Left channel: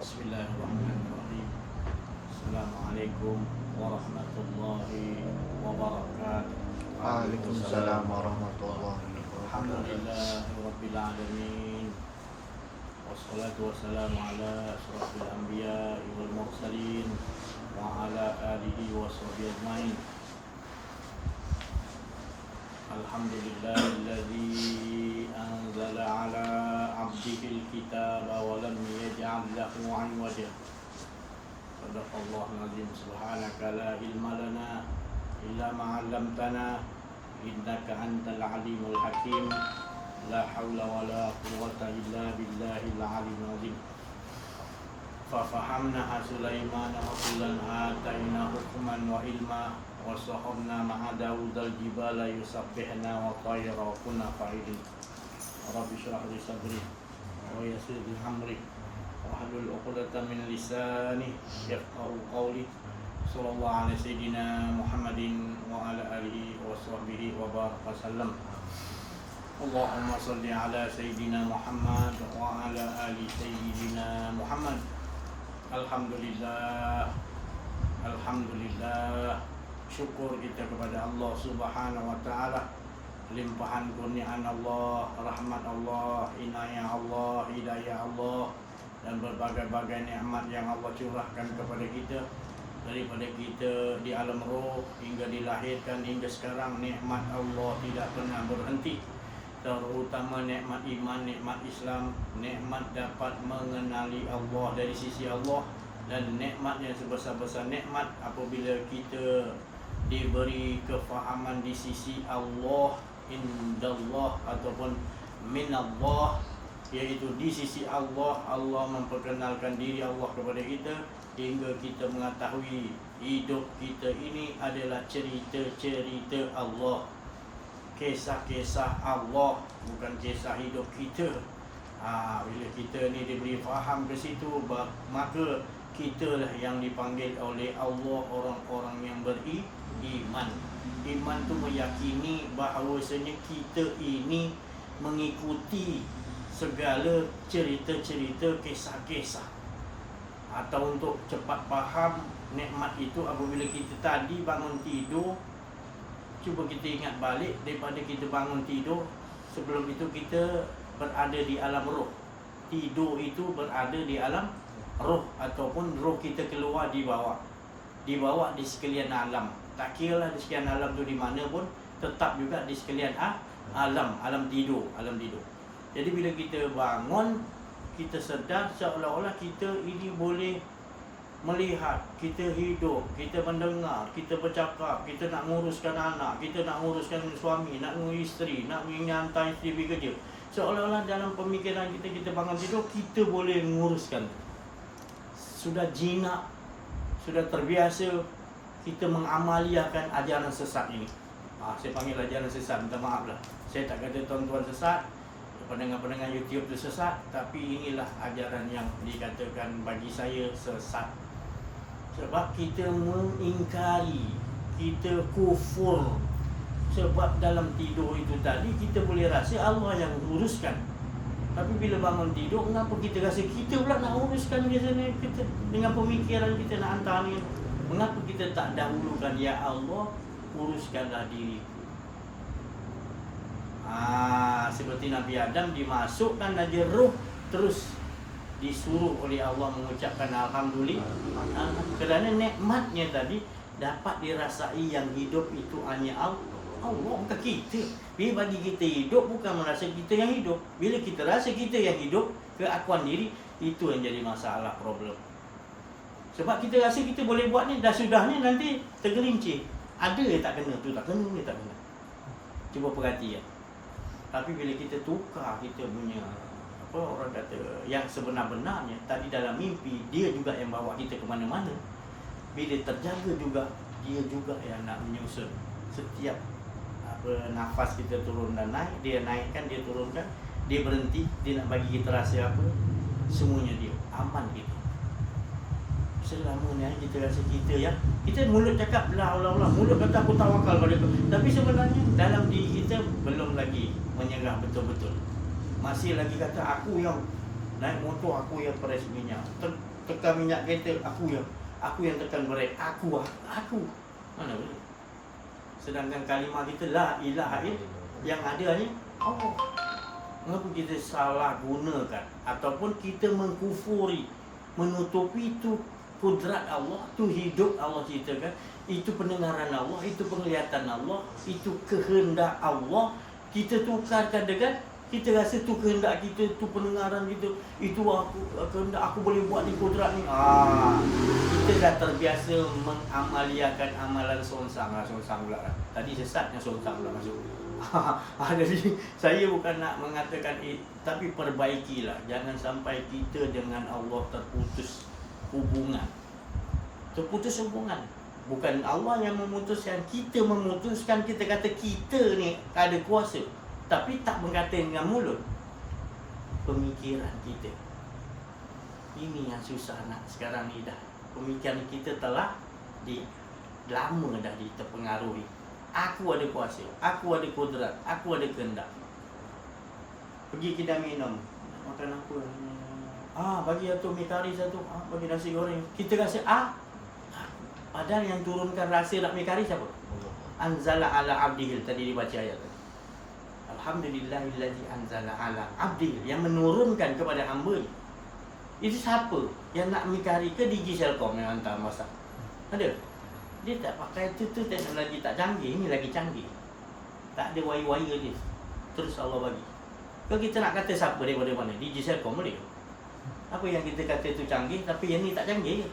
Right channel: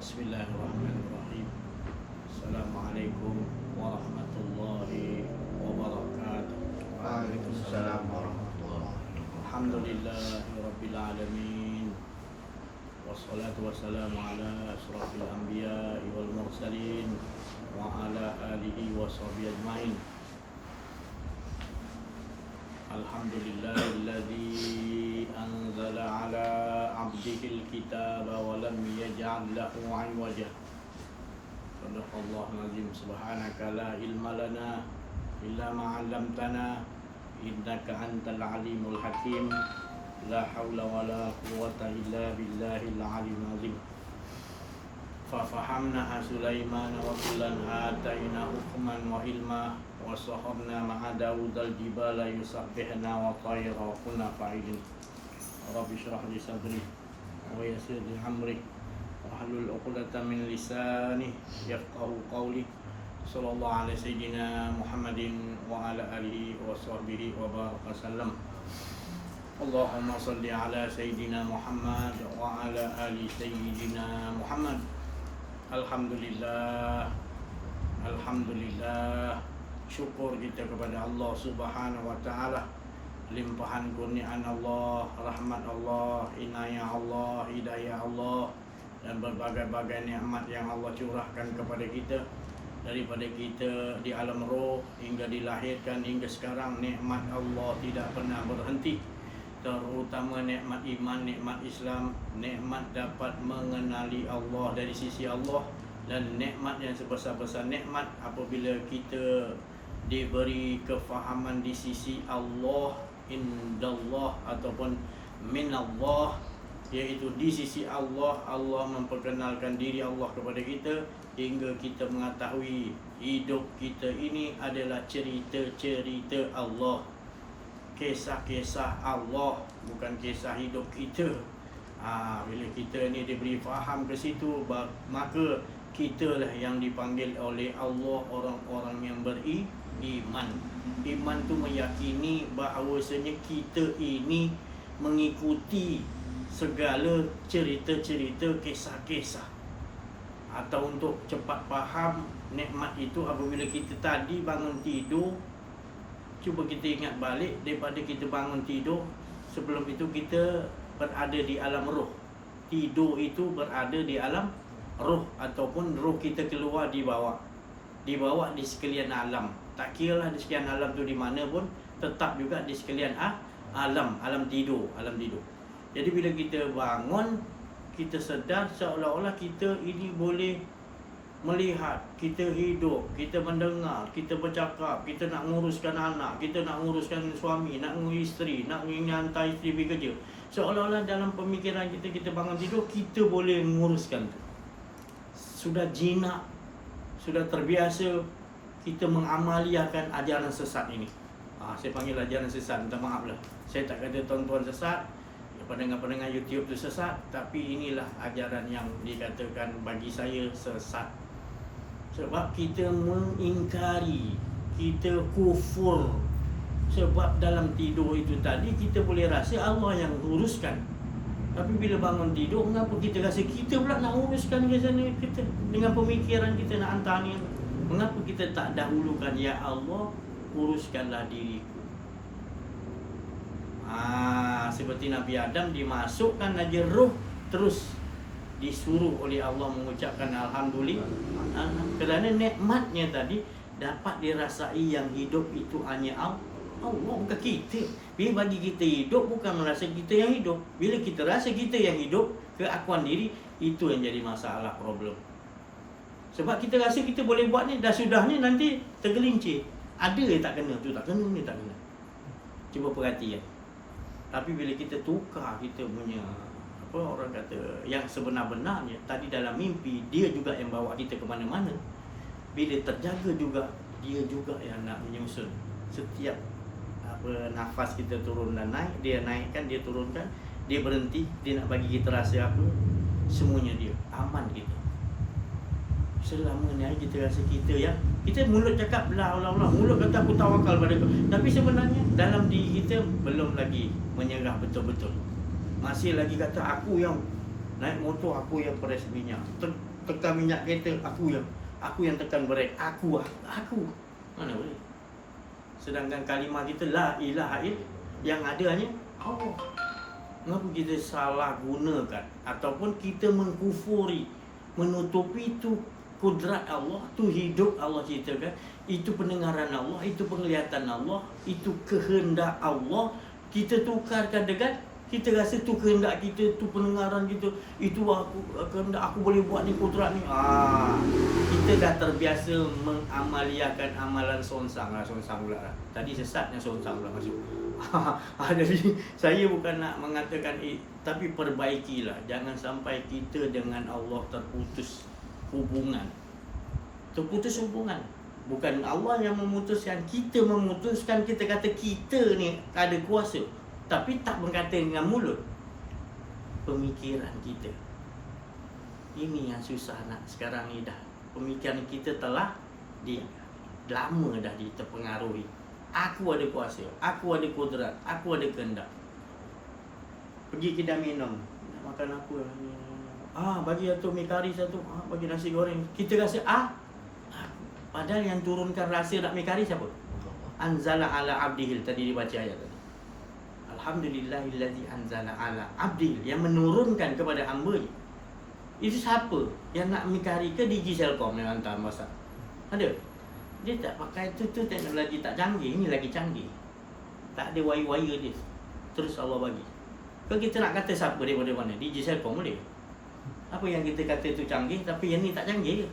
Bismillahirrahmanirrahim. Assalamualaikum warahmatullahi wabarakatuh. Waalaikumsalam warahmatullahi wabarakatuh. Alhamdulillahirabbil alamin. Wassalatu wassalamu ala asyrafil anbiya'i wal mursalin wa ala alihi washabihi ajmain. Alhamdulillahilladzi anzala ala 'abdihil kitaba wa lam yaj'al lahu 'iwaja. Sadaqallahul azim. Subhanaka la ilma lana illa ma 'allamtana innaka antal alimul hakim. La haula wala quwwata illa billahil aliyyil azim. Fa fahamna Sulaiman wa kullan ataina hukman wa ilma wa sahabna ma'a Daudal jibala yusabbihna wa tayra wa kunna fa'ilin. Rabbi shrah li sadri wa yassir li amri wahlul 'uqdatam min lisani yafqahu qawli. Sallallahu alaihi sayyidina Muhammadin wa ala alihi wa sahbihi wa baraka sallam. Allahumma salli ala sayyidina Muhammad wa ala ali sayyidina Muhammad. Alhamdulillah, alhamdulillah. Syukur kita kepada Allah Subhanahu wa taala, limpahan kurniaan Allah, rahmat Allah, inayah Allah, hidayah Allah, dan berbagai-bagai nikmat yang Allah curahkan kepada kita daripada kita di alam roh hingga dilahirkan hingga sekarang. Nikmat Allah tidak pernah berhenti, terutama nikmat iman, nikmat Islam, nikmat dapat mengenali Allah dari sisi Allah, dan nikmat yang sebesar-besar nikmat apabila kita diberi kefahaman di sisi Allah, indallah ataupun minallah, iaitu di sisi Allah. Allah memperkenalkan diri Allah kepada kita hingga kita mengetahui hidup kita ini adalah cerita-cerita Allah, kisah-kisah Allah, bukan kisah hidup kita. Bila kita ni diberi faham ke situ, maka kitalah yang dipanggil oleh Allah orang-orang yang beriman. Iman tu meyakini bahawasanya kita ini mengikuti segala cerita-cerita, kisah-kisah. Atau untuk cepat faham nikmat itu, apabila kita tadi bangun tidur, cuba kita ingat balik daripada kita bangun tidur. Sebelum itu kita berada di alam roh. Tidur itu berada di alam roh, ataupun roh kita keluar dibawa di sekalian alam. Tak kira lah di sekalian alam tu di mana pun, tetap juga di sekalian alam tidur. Jadi bila kita bangun, kita sedar seolah-olah kita ini boleh melihat, kita hidup, kita mendengar, kita bercakap, kita nak nguruskan anak, kita nak nguruskan suami, nak ngurus isteri, nak hantar isteri pergi kerja. Seolah-olah dalam pemikiran kita bangun tidur, kita boleh menguruskan. Sudah jinak, sudah terbiasa kita mengamaliakan ajaran sesat ini. Saya panggil ajaran sesat, minta maaf lah. Saya tak kata tuan-tuan sesat, pendengar-pendengar YouTube tu sesat, tapi inilah ajaran yang dikatakan bagi saya sesat. Sebab kita mengingkari, kita kufur. Sebab dalam tidur itu tadi kita boleh rasa Allah yang uruskan. Tapi bila bangun tidur, kenapa kita rasa kita pula nak uruskan ke sana? Kita dengan pemikiran kita nak hantar ni. Mengapa kita tak dahulukan, ya Allah, uruskanlah diriku. Seperti Nabi Adam dimasukkan aja roh, terus disuruh oleh Allah mengucapkan Alhamdulillah. Kerana nikmatnya tadi dapat dirasai, yang hidup itu hanya Allah, bukan kita. Bila bagi kita hidup, bukan merasa kita yang hidup. Bila kita rasa kita yang hidup, keakuan diri, itu yang jadi masalah, problem. Sebab kita rasa kita boleh buat ni, dah sudah ni nanti tergelincir. Ada yang tak kena, tu tak kena, ni tak kena. Cuba perhatikan. Tapi bila kita tukar kita punya, orang kata, yang sebenar-benarnya, tadi dalam mimpi, dia juga yang bawa kita ke mana-mana. Bila terjaga juga, dia juga yang nak menyusun. Setiap nafas kita turun dan naik, dia naikkan, dia turunkan, dia berhenti, dia nak bagi kita rasa apa, semuanya dia, aman kita. Selama ni kita rasa kita mulut cakap la Allah, mulut kata aku tawakal pada kau, tapi sebenarnya dalam diri kita belum lagi menyerah betul-betul. Masih lagi kata aku yang naik motor, aku yang peres minyak. tekan minyak kereta, aku yang tekan brek, aku. Mana boleh? Sedangkan kalimah kita la ilaha illallah, yang ada hanya Allah. Mengapa kita salah gunakan ataupun kita mengkufuri, menutupi itu kudrat Allah, itu hidup Allah ciptakan, itu pendengaran Allah, itu penglihatan Allah, itu kehendak Allah, kita tukarkan dengan kita rasa tu kehendak kita, tu pendengaran kita, itu aku kehendak aku boleh buat ni kudrat ni. Kita dah terbiasa mengamaliakan amalan sonsang pula lah. Tadi sesatnya sonsang pula masuk. Jadi saya bukan nak mengatakan tapi perbaikilah, jangan sampai kita dengan Allah terputus hubungan. Bukan Allah yang memutuskan, kita memutuskan. Kita kata kita ni ada kuasa, tapi tak berkata dengan mulut. Pemikiran kita ini yang susah nak sekarang ni dah. Pemikiran kita telah lama dah terpengaruhi. Aku ada kuasa, aku ada kudrat, aku ada kehendak. Pergi kedai minum, nak makan apa? Bagi satu mi kari satu, bagi nasi goreng. Kita rasa padahal yang turunkan rasa nak mi kari siapa? Anzala ala abdihil, tadi dibaca ayat tadi. Alhamdulillahillazi anzala ala abdihil, yang menurunkan kepada hamba-Nya. Itu siapa? Yang nak mi kari ke Digi Selcom yang hantar masak? Ada? Dia tak pakai tu teknologi tak canggih, ini lagi canggih. Tak ada wire dia. Terus Allah bagi. Kalau kita nak kata siapa daripada mana? Digi Selcom boleh. Apa yang kita kata tu canggih, tapi yang ni tak canggih ke?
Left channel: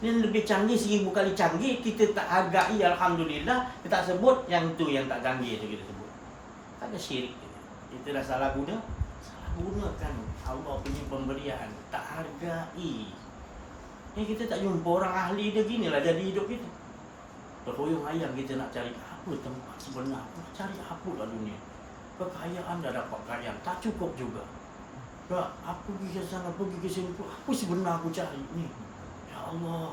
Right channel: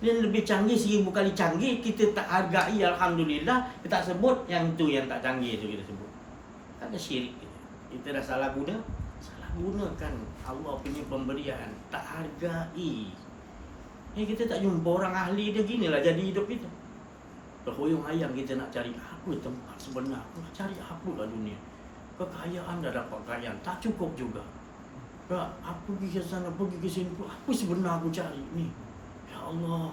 Dia lebih canggih 1000 kali canggih, kita tak hargai, alhamdulillah. Kita tak sebut yang tu yang tak canggih tu kita sebut. Tak ada syirik kita. Kita dah salah gunakan Allah punya pemberian, tak hargai. Kita tak jumpa orang ahli dia, ginilah jadi hidup kita. Terhuyung hayang kita nak cari apa tempat sebenar. Cari apa lah dunia. Kekayaan dah dapat kekayaan, tak cukup juga. Apa pergi ke sana, pergi ke sini, apa sebenar aku cari ni? Ya Allah.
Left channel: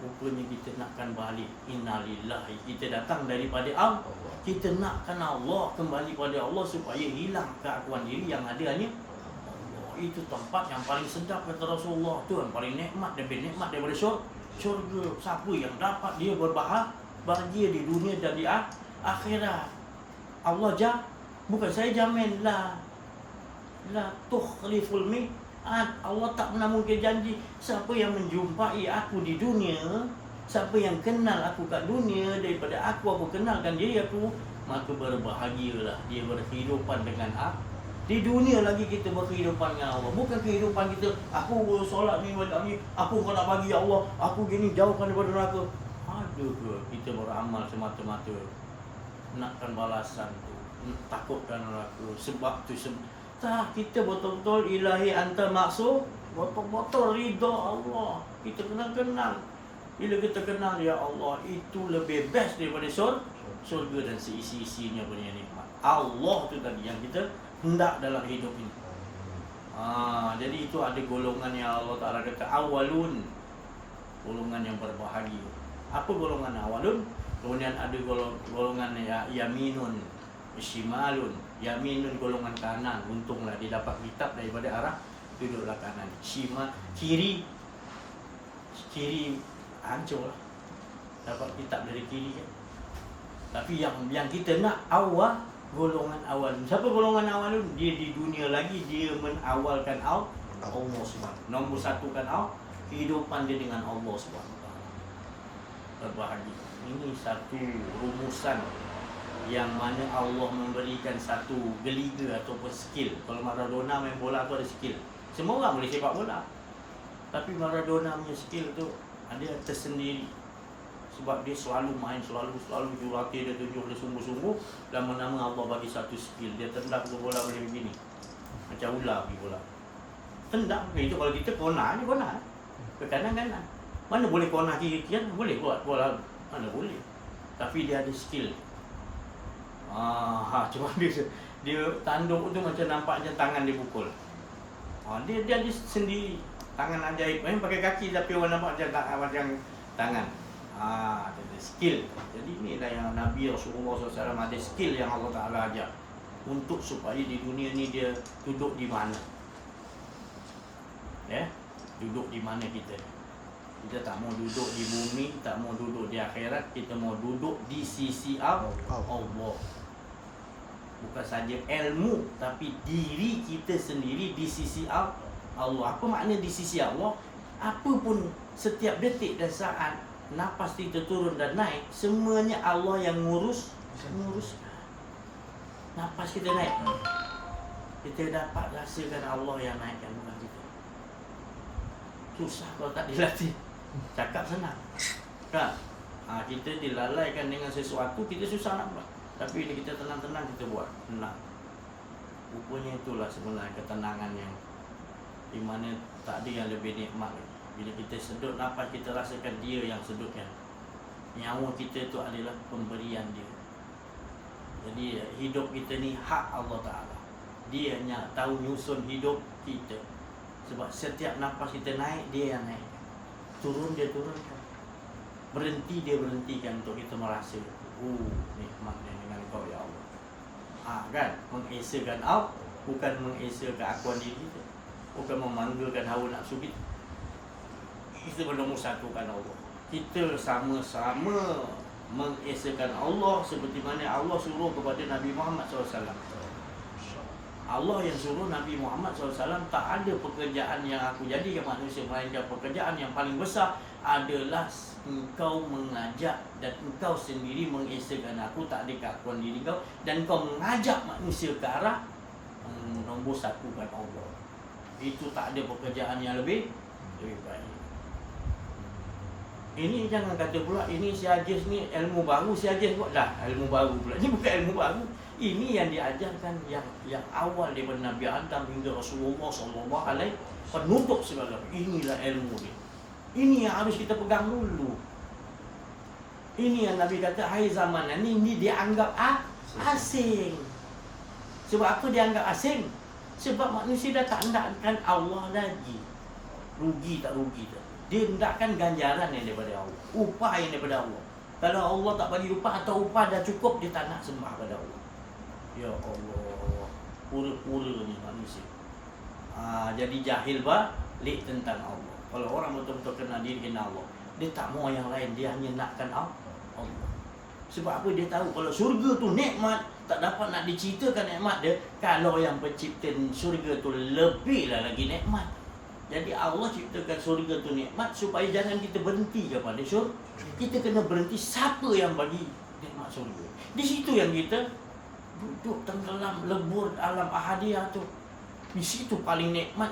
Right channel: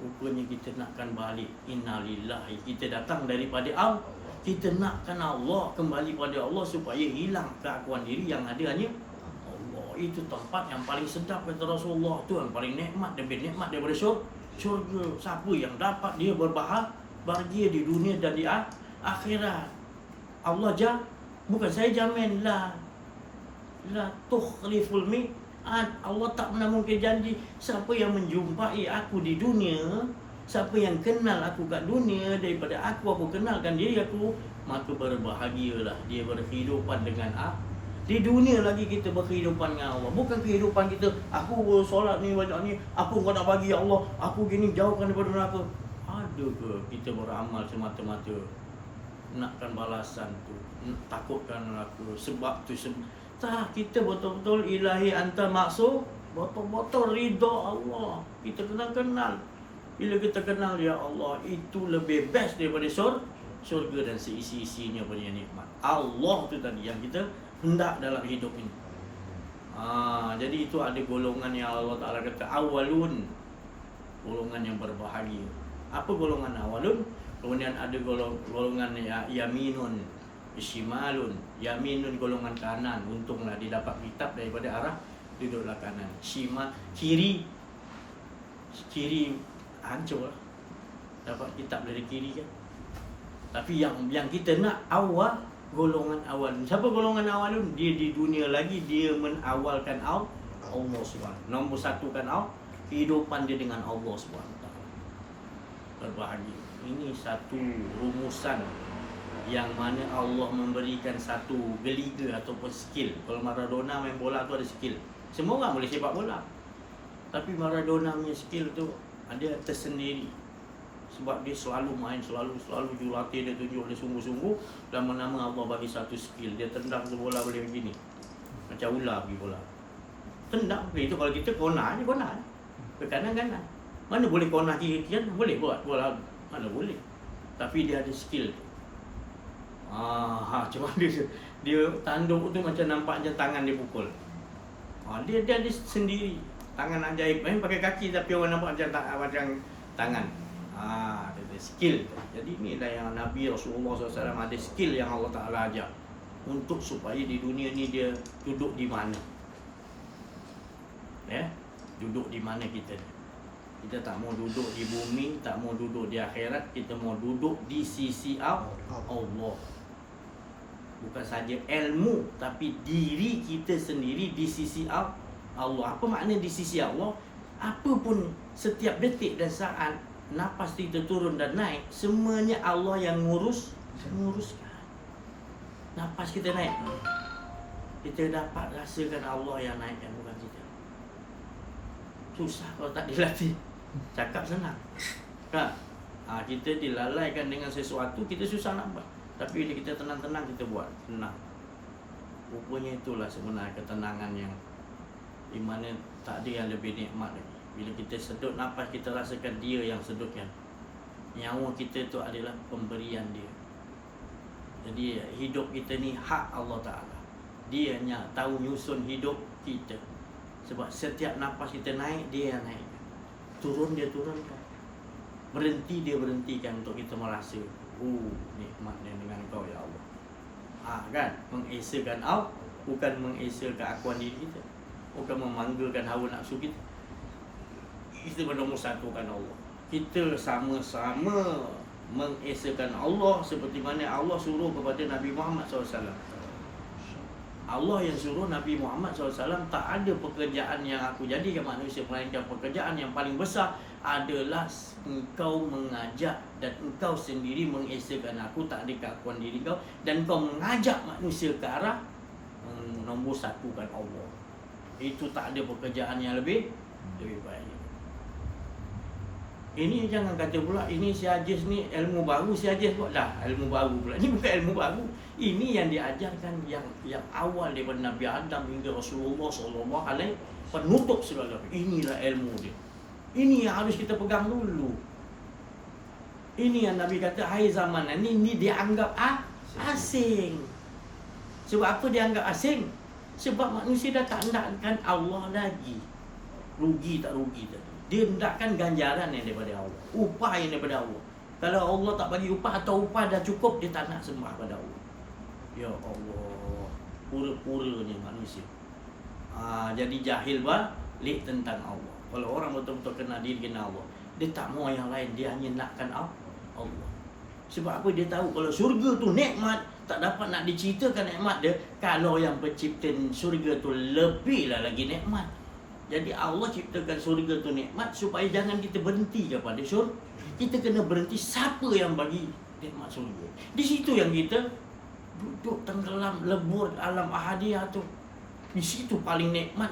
Rupanya kita nakkan balik. Innalillahi. Kita datang daripada Allah. Kita nakkan Allah kembali pada Allah supaya hilang keakuan diri yang ada hanya itu tempat yang paling sedap kata Rasulullah, tu yang paling nikmat, lebih nikmat daripada syurga. Siapa yang dapat dia berbahagia di dunia dan di akhirat. Allah bukan saya jamin la tukhliful mi'ad. Allah tak pernah mungkin janji. Siapa yang menjumpai aku di dunia, siapa yang kenal aku kat dunia, daripada aku kenalkan diri aku, maka berbahagialah dia berkehidupan dengan aku. Di dunia lagi kita berkehidupan dengan Allah. Bukan kehidupan kita, aku bersolat ni, baca ni, apa kau nak bagi ya Allah, aku gini, jauhkan daripada neraka. Ada ke kita beramal semata-mata nakkan balasan tu, takutkan neraka, sebab tu tak, kita betul-betul ilahi anta maksud, betul-betul ridha Allah. Kita kenal. Bila kita kenal ya Allah, itu lebih best daripada syurga dan seisi-isinya punya nikmat. Allah tu tadi yang kita hendak dalam hidup ini. Jadi itu ada golongan yang Allah Ta'ala kata awalun, golongan yang berbahagia. Apa golongan awalun? Kemudian ada golongan yaminun, shimalun. Yaminun golongan kanan. Untunglah dia dapat kitab daripada arah duduklah kanan. Kiri hancur lah. Dapat kitab dari kiri kan. Tapi yang kita nak awal, golongan awal. Siapa golongan awal? Dia di dunia lagi dia menawalkan Allah Subhanahu. Nombor satukan Allah, kehidupan dia dengan Allah Subhanahu. Berbahagia. Ini satu rumusan yang mana Allah memberikan satu geliga ataupun skill. Kalau Maradona main bola tu ada skill. Semua orang boleh sepak bola. Tapi Maradona punya skill tu ada tersendiri. Sebab dia selalu main, selalu jurulatih dia tunjuk dia sungguh-sungguh. Lama-lama Allah bagi satu skill. Dia tendang ke bola boleh begini. Macam ular pergi bola. Tendang. Itu kalau kita kona ni kona. Ke kanan-kanan. Mana boleh kona kiri-kiri? Boleh buat bola. Mana boleh. Tapi dia ada skill. Cuma dia tanduk tu macam nampak macam tangan dia pukul. Dia ada sendiri. Tangan ajaib. Pakai kaki tapi orang nampak macam tangan. Ada skill. Jadi inilah yang Nabi Rasulullah SAW ada skill yang Allah Ta'ala ajar untuk supaya di dunia ni dia duduk di mana. Duduk di mana kita? Kita tak mau duduk di bumi, tak mau duduk di akhirat, kita mau duduk di sisi Allah. Bukan saja ilmu, tapi diri kita sendiri di sisi Allah. Apa makna di sisi Allah? Apa pun setiap detik dan saat nafas kita turun dan naik, semuanya Allah yang nguruskan. Nafas kita naik, kita dapat rasakan Allah yang naikkan, bukan kita. Susah kalau tak dilatih. Cakap senang kan? Kita dilalaikan dengan sesuatu, kita susah nak buat. Tapi bila kita tenang-tenang, kita buat senang. Rupanya itulah sebenarnya ketenangan yang di mana tak ada yang lebih nikmat lagi. Bila kita sedut nafas, kita rasakan Dia yang sedutkan. Nyawa kita itu adalah pemberian Dia. Jadi hidup kita ni hak Allah Ta'ala. Dia yang tahu nyusun hidup kita. Sebab setiap nafas kita naik, Dia yang naik. Turun, Dia turunkan. Berhenti, Dia berhentikan untuk kita merasa nikmatnya dengan Kau ya Allah. Kan? Mengesakan Allah, bukan mengesakan keakuan diri kita, bukan memanggilkan hawa nafsu kita. Kita bernombor satukan Allah. Kita sama-sama mengesakan Allah seperti mana Allah suruh kepada Nabi Muhammad SAW. Allah yang suruh Nabi Muhammad SAW, tak ada pekerjaan yang aku jadikan manusia melainkan pekerjaan yang paling besar adalah engkau mengajak dan engkau sendiri mengesakan aku, tak ada keakuan diri kau, dan kau mengajak manusia ke arah nombor satukan Allah. Itu tak ada pekerjaan yang lebih baik. Ini jangan kata pula ini si Hajiz ni ilmu baru, si Hajiz buat dah ilmu baru pula. Ini bukan ilmu baru. Ini yang diajarkan yang awal daripada Nabi Adam hingga Rasulullah SAW, penutup segala. Inilah ilmu dia. Ini yang harus kita pegang dulu. Ini yang Nabi kata, hai zaman ini dianggap asing. Sebab apa dianggap asing? Sebab manusia dah tak hendakkan Allah lagi. Rugi tak rugi tak. Dia hendakkan ganjaran yang daripada Allah, upah yang daripada Allah. Kalau Allah tak bagi upah atau upah dah cukup, dia tak nak sembah pada Allah. Ya Allah, pura-pura ni manusia. Jadi jahil balik tentang Allah. Kalau orang betul-betul kenal diri, kenal Allah, dia tak mau yang lain, dia hanya nakkan Allah. Sebab apa? Dia tahu kalau syurga tu nikmat, tak dapat nak diceritakan nikmat dia. Kalau yang pencipta syurga tu lebihlah lagi nikmat. Jadi Allah ciptakan syurga tu nikmat supaya jangan kita berhenti kepada syurga. Kita kena berhenti siapa yang bagi nikmat syurga. Di situ yang kita duduk tenggelam lebur alam ahadiyah tu. Di situ paling nikmat.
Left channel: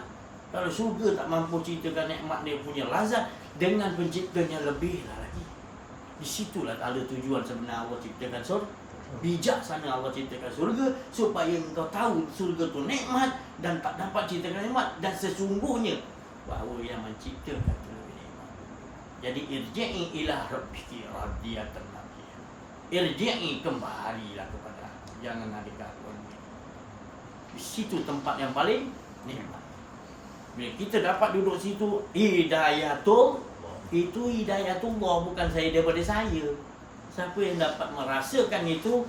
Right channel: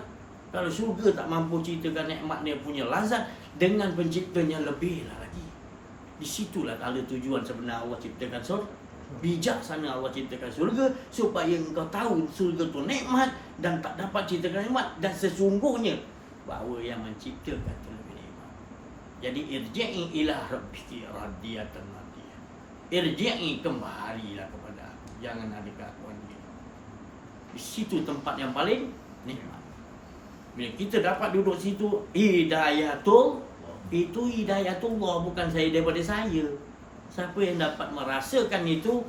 Kalau syurga tak mampu ceritakan nikmat dia punya lazat, dengan penciptanya lebihlah lagi. Di situlah ada tujuan sebenar Allah ciptakan syurga. Bijaksana Allah ciptakan syurga supaya engkau tahu syurga tu nikmat dan tak dapat ceritakan nikmat, dan sesungguhnya bahawa yang menciptakan tu lebih nikmat. Jadi irji'i ila rabbiki radiyatan mardiyah. Irji'i, kembalilah kepada aku, jangan ada keakuan diri. Di situ tempat yang paling nikmat. Bila kita dapat duduk situ, hidayatul, itu hidayatullah, bukan saya daripada saya. Siapa yang dapat merasakan itu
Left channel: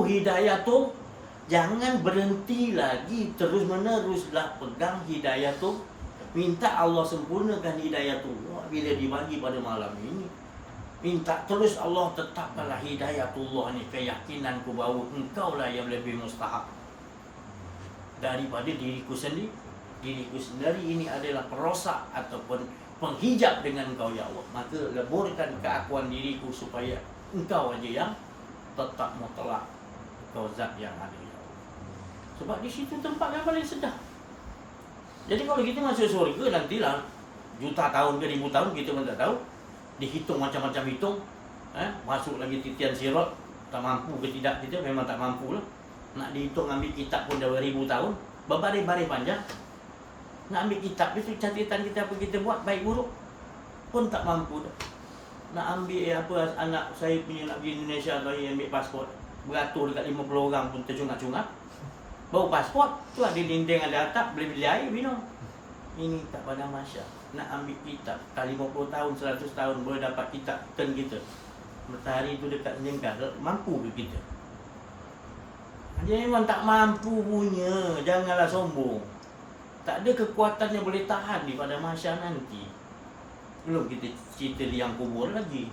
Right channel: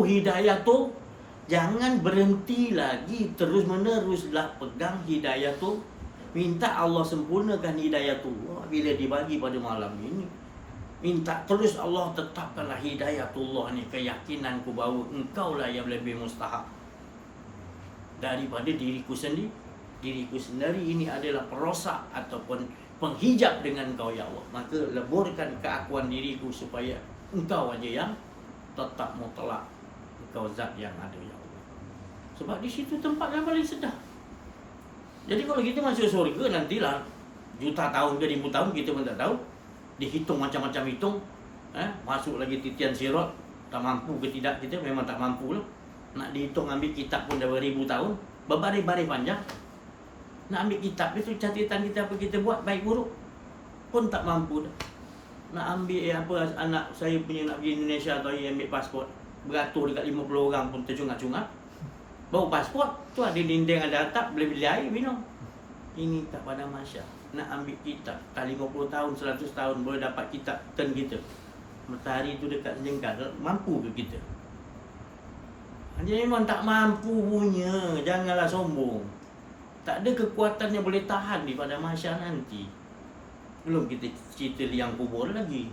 hidayatul. Jangan berhenti lagi, terus meneruslah pegang hidayatul. Minta Allah sempurnakan hidayatullah bila dibagi pada malam ini. Minta terus Allah tetapkanlah hidayatullah ni, keyakinanku bahawa engkaulah yang lebih mustahak daripada diriku sendiri. Diriku sendiri ini adalah perosak ataupun penghijab dengan engkau ya Allah. Maka leburkan keakuan diriku supaya engkau aja yang tetap mutlak, engkau zat yang ada ya Allah. Sebab di situ tempat yang paling sedap. Jadi kalau kita masuk surga nantilah juta tahun ke 1000 tahun kita pun tak tahu. Dihitung macam-macam hitung. Masuk lagi titian sirat, tak mampu ke tidak kita, memang tak mampu lah. Nak dihitung ambil kitab pun dah beribu tahun, berbaris-baris panjang. Nak ambil kitab itu catatan kita apa kita buat baik buruk pun tak mampu dah. Nak ambil apa anak saya punya nak pergi Indonesia atau ambil pasport, beratur dekat 50 orang pun tercungak-cungak. Bawa pasport tu ada dinding, ada atap, boleh beli air minum. Ini tak pandang masya. Nak ambil kitab tak 50 tahun 100 tahun boleh dapat kitab turn kita. Matahari tu dekat sejengkal, mampu ke kita? Jadi memang tak mampu punya. Janganlah sombong. Tak ada kekuatan yang boleh tahan di pada mahsyar nanti. Belum kita cerita liang kubur lagi.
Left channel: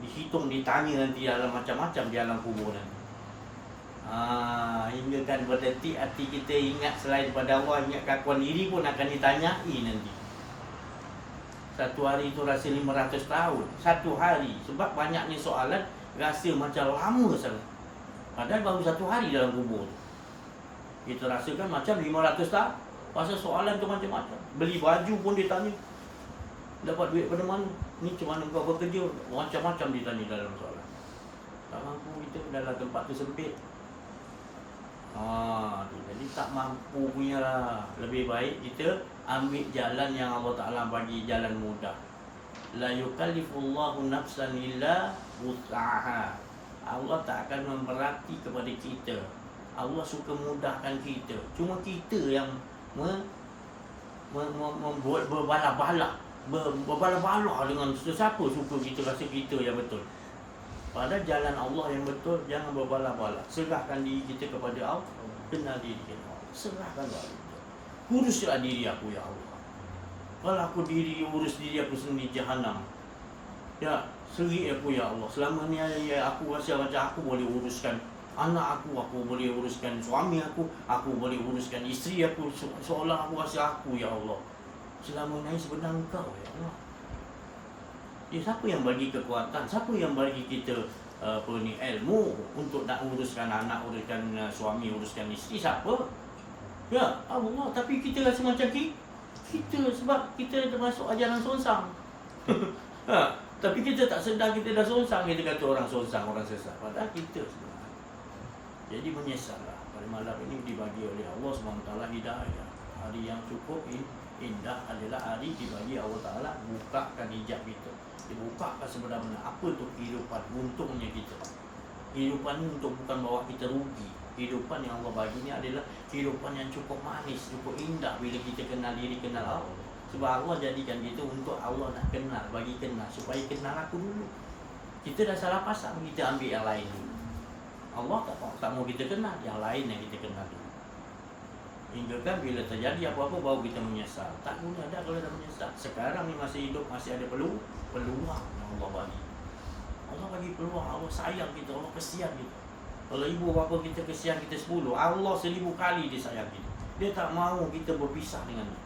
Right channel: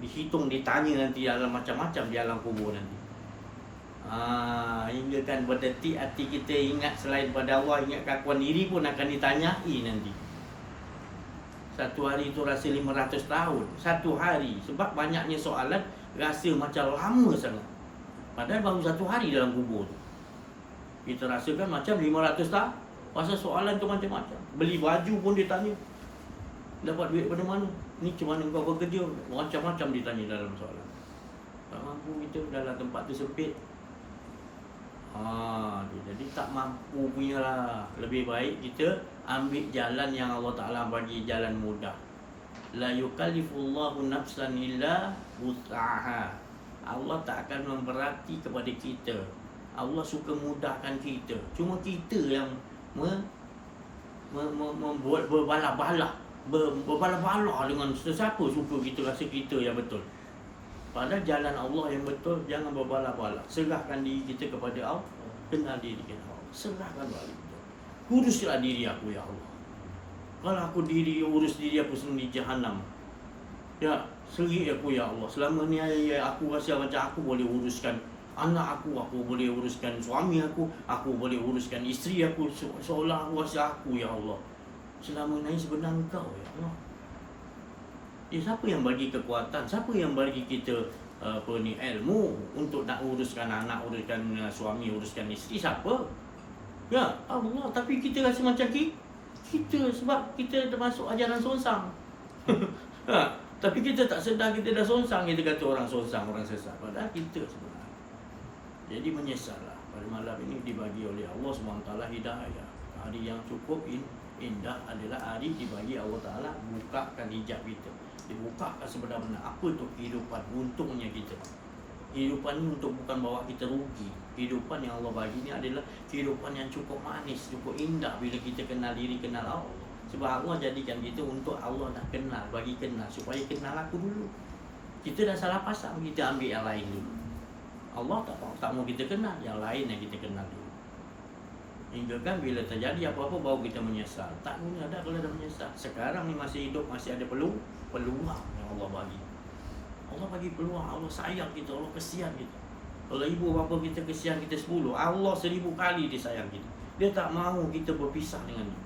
Dihitung, ditanya nanti dalam macam-macam di alam kubur nanti. Hingga kan berdetik hati kita ingat selain pada Allah, ingat keakuan diri pun akan ditanyai nanti. Satu hari itu rasa 500 tahun. Satu hari. Sebab banyaknya soalan, rasa macam lama sangat. Padahal baru satu hari dalam kubur tu. Kita rasakan macam 500 tahun. Pasal soalan tu macam-macam. Beli baju pun ditanya. Dapat duit pada mana? Ni macam mana kau bekerja? Macam-macam ditanya dalam soalan. Tak mampu kita dalam tempat tu sempit. Jadi tak mampu punya lah. Lebih baik kita ambil jalan yang Allah Ta'ala bagi, jalan mudah. La yukallifullahu nafsan illa wus'aha. Allah tak akan memberati kepada kita. Allah suka mudahkan kita. Cuma kita yang membuat berbalah-balah dengan sesiapa suka kita rasa kita yang betul. Pada jalan Allah yang betul, jangan berbalah-balah. Serahkan diri kita kepada Allah. Kenal diri kita. Serahkan balik. Uruslah diri aku ya Allah. Kalau aku urus diri aku sendiri jahanam. Ya, seri aku ya Allah. Selama ni aku rasa macam aku boleh uruskan anak aku boleh uruskan suami aku boleh uruskan isteri aku, seolah aku rasa aku ya Allah. Selama ni sebenarnya Engkau ya Allah. Siapa yang bagi kekuatan? Siapa yang bagi kita ilmu untuk nak uruskan anak, uruskan suami, uruskan isteri? Siapa? Ya Allah. Tapi kita rasa macam kita sebab kita termasuk ajaran songsang. Tapi kita tak sedar kita dah songsang. Kita kata orang songsang, orang sesat. Padahal kita sebenarnya. Jadi menyesallah. Pada malam ini dibagi oleh Allah SWT hidayah. Hari yang cukup indah adalah hari dibagi Allah Ta'ala bukakan hijab kita. Dibukakan sebenarnya apa tu kehidupan. Untungnya kita. Kehidupan ini untuk bukan bawa kita rugi. Kehidupan yang Allah bagi ini adalah kehidupan yang cukup manis, cukup indah bila kita kenal diri, kenal Allah. Sebab Allah jadikan kita untuk Allah nak kenal, bagi kenal, supaya kenal aku dulu. Kita dah salah pasang, kita ambil yang lain dulu. Allah tak mau kita kenal, yang lain yang kita kenal dulu. Hingga kan bila terjadi apa-apa baru kita menyesal. Tak guna dah kalau dah menyesal. Sekarang ni masih hidup, masih ada peluang yang Allah bagi. Allah bagi peluang, Allah sayang kita, Allah kesian kita. Kalau ibu bapa kita kesian kita 10, Allah 1000 kali dia sayang kita. Dia tak mahu kita berpisah dengan dia.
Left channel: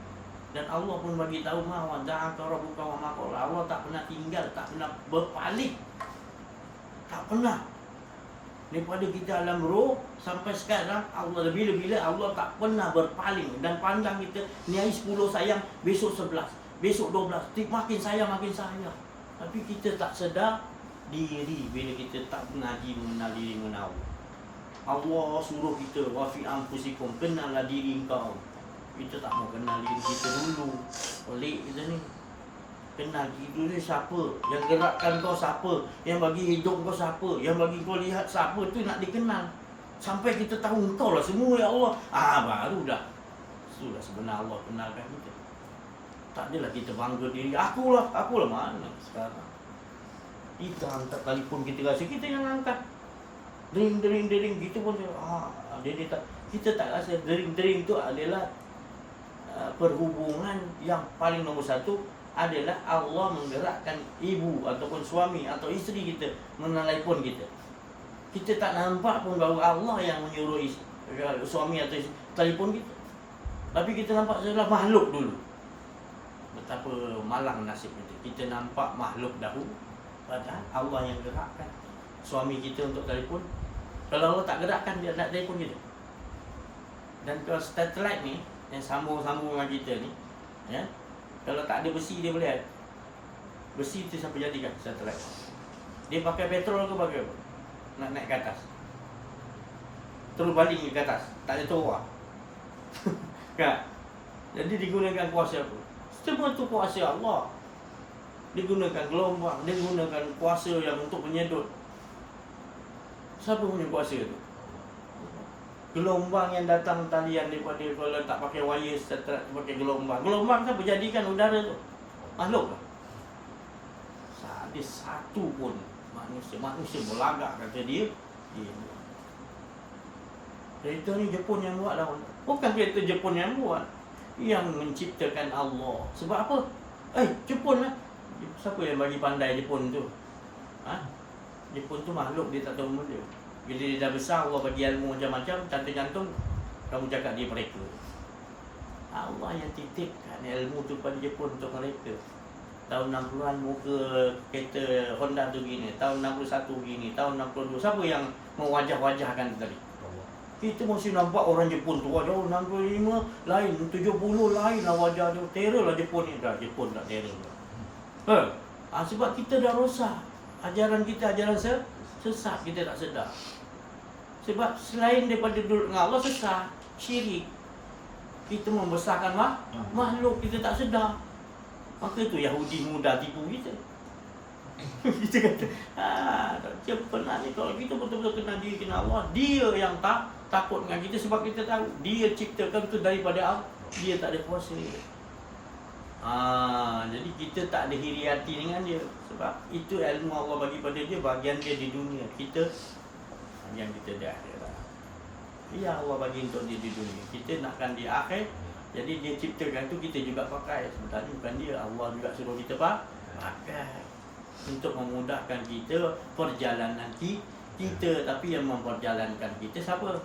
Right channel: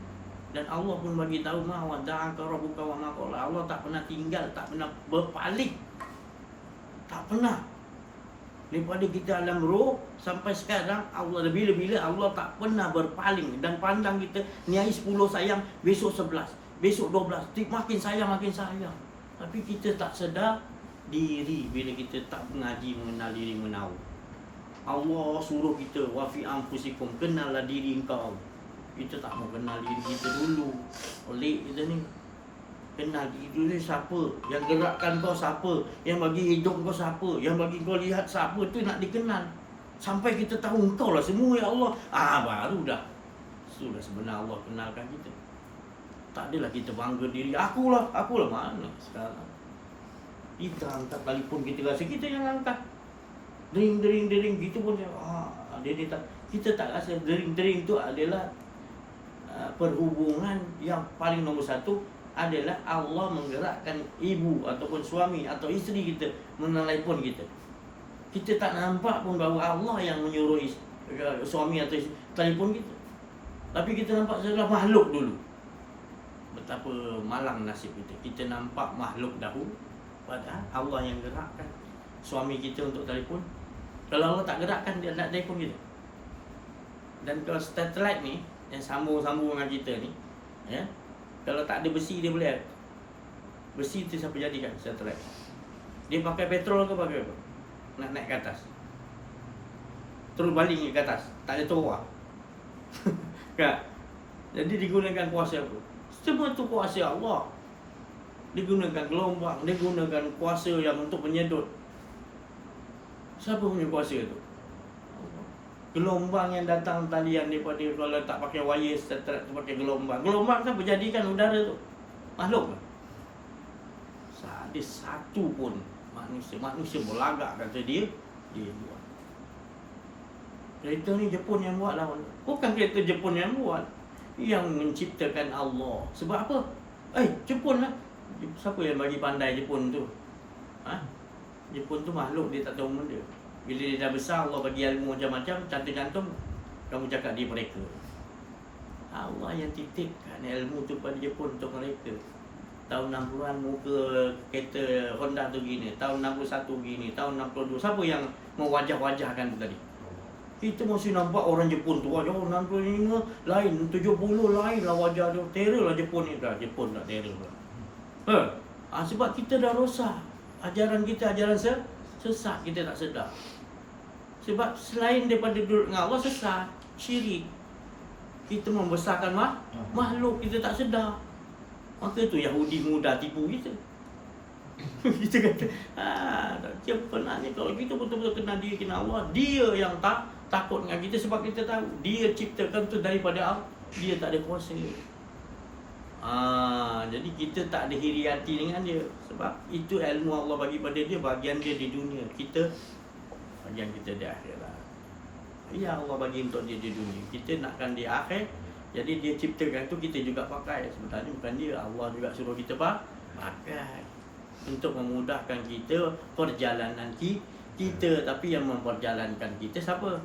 Dan Allah pun bagi tahu ma wada'aka rabbuka wa ma qala. Allah tak pernah tinggal, tak pernah berpaling. Tak pernah. Daripada kita alam roh sampai sekarang, Allah bila-bila Allah tak pernah berpaling dan pandang kita ni hari 10 sayang, besok 11, besok 12, makin sayang. Tapi kita tak sedar diri bila kita tak mengaji mengenal diri menau. Allah suruh kita wa fi anfusikum, kenallah diri engkau. Kita tak mau kenal diri kita dulu. Pelik kita ni. Kenal diri dulu siapa, yang gerakkan kau siapa, yang bagi hidup kau siapa, yang bagi kau lihat siapa, tu nak dikenal. Sampai kita tahu engkau lah semua ya Allah. Baru dah. Itulah sebenar Allah kenalkan kita. Tak adalah kita bangga diri akulah mana sekarang. Kita angkat telefon, kita rasa kita yang angkat. Dering kita pun kita tak rasa dering tu adalah perhubungan yang paling nombor satu adalah Allah menggerakkan ibu ataupun suami atau isteri kita menelepon kita. Kita tak nampak pun bahawa Allah yang menyuruh suami atau isteri telefon kita. Tapi kita nampak sebelah makhluk dulu. Betapa malang nasib kita. Kita nampak makhluk dahulu, padahal Allah yang gerakkan suami kita untuk telefon. Kalau Allah tak gerakkan, dia nak telefon kita. Dan kalau satelit ni yang sambung-sambung dengan kita ni, ya, kalau tak ada besi dia boleh. Besi tu siapa jadikan satelit? Dia pakai petrol ke pakai apa? Nak naik ke atas. Terus baling ke atas, tak ada terowak. Kan? Jadi digunakan kuasa apa? Semua tu kuasa Allah. Digunakan gelombang, digunakan kuasa yang untuk menyedot. Siapa punya kuasa tu? Gelombang yang datang talian daripada, kalau tak pakai wire satelit, pakai gelombang. Gelombang kan berjadikan udara tu. Makhluk kan? Ada satu pun manusia berlagak kata dia buat. Kereta ni Jepun yang buat lah. Bukan kereta Jepun yang buat. yang menciptakan Allah. Sebab apa? Jepun lah. Siapa yang bagi pandai Jepun tu? Jepun tu makhluk, dia tak tahu benda. Bila dia dah besar, Allah bagi ilmu macam-macam, cantum-cantum, kamu cakap dia mereka. Allah yang titipkan ilmu tu pada Jepun untuk mereka. Tahun 60-an muka kereta Honda tu gini, tahun 61 gini, tahun 62. Siapa yang mewajah-wajahkan tu tadi? Kita masih nampak orang Jepun tu wajah 65 lain, 70 lain lah wajah dia. Terror lah Jepun ni. Dah Jepun tak terror lah. Sebab kita dah rosak. Ajaran kita ajaran sesat, kita tak sedar. Sebab selain daripada duduk dengan Allah, sesat, syirik. Kita membesarkan makhluk, kita tak sedar. Maka tu Yahudi muda tipu kita. Kita kata, dia pernah ni, kalau kita betul-betul kenal dia, kenal Allah, dia yang takut dengan kita. Sebab kita tahu dia ciptakan tu daripada Allah. Dia tak ada kuasa. Jadi kita tak ada hiriati dengan dia. Sebab itu ilmu Allah bagi pada dia, bagian dia di dunia. Kita, bagian kita di akhirat. Ya, Allah bagi untuk dia di dunia, kita nakkan di akhir. Jadi dia ciptakan tu, kita juga pakai. Sebenarnya bukan dia, Allah juga suruh kita pakai untuk memudahkan kita perjalanan kita. Tapi yang memperjalankan kita siapa?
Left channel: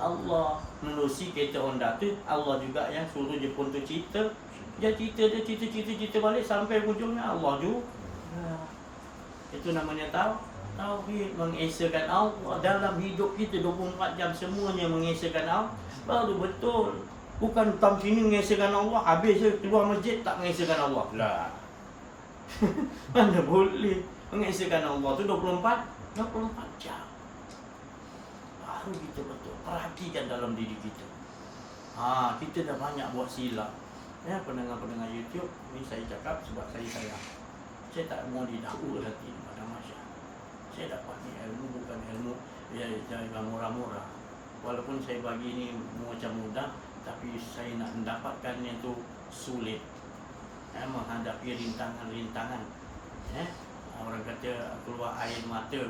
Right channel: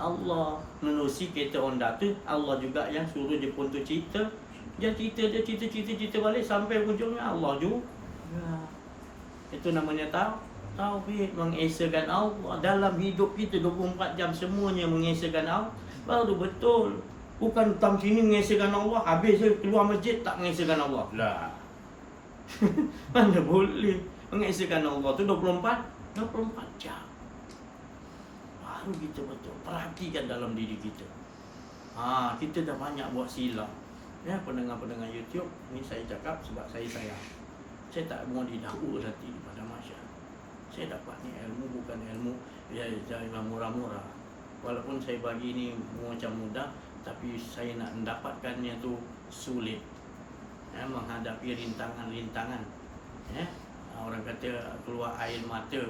Allah. Menerusi kereta Honda tu, Allah juga yang suruh Jepun tu cerita. Dia cerita balik sampai ujungnya Allah juga. Itu namanya tauhid, mengesakan Allah dalam hidup kita 24 jam, semuanya mengesakan Allah. Baru betul. Bukan tam sini mengesakan Allah, habis keluar masjid tak mengesakan Allah. Lah. Mana boleh mengesakan Allah tu 24 jam. Baru kita betul. Perhatikan dalam diri kita. Kita dah banyak buat silap. Ya, pendengar-pendengar YouTube, ni saya cakap sebab saya sayang. Saya tak mau didakwa nanti pada masyarakat. Saya dapat ni ilmu bukan ilmu jangan murah-murah. Walaupun saya bagi ni macam mudah, tapi saya nak mendapatkannya tu sulit. Menghadapi rintangan-rintangan. Orang kata keluar air mata,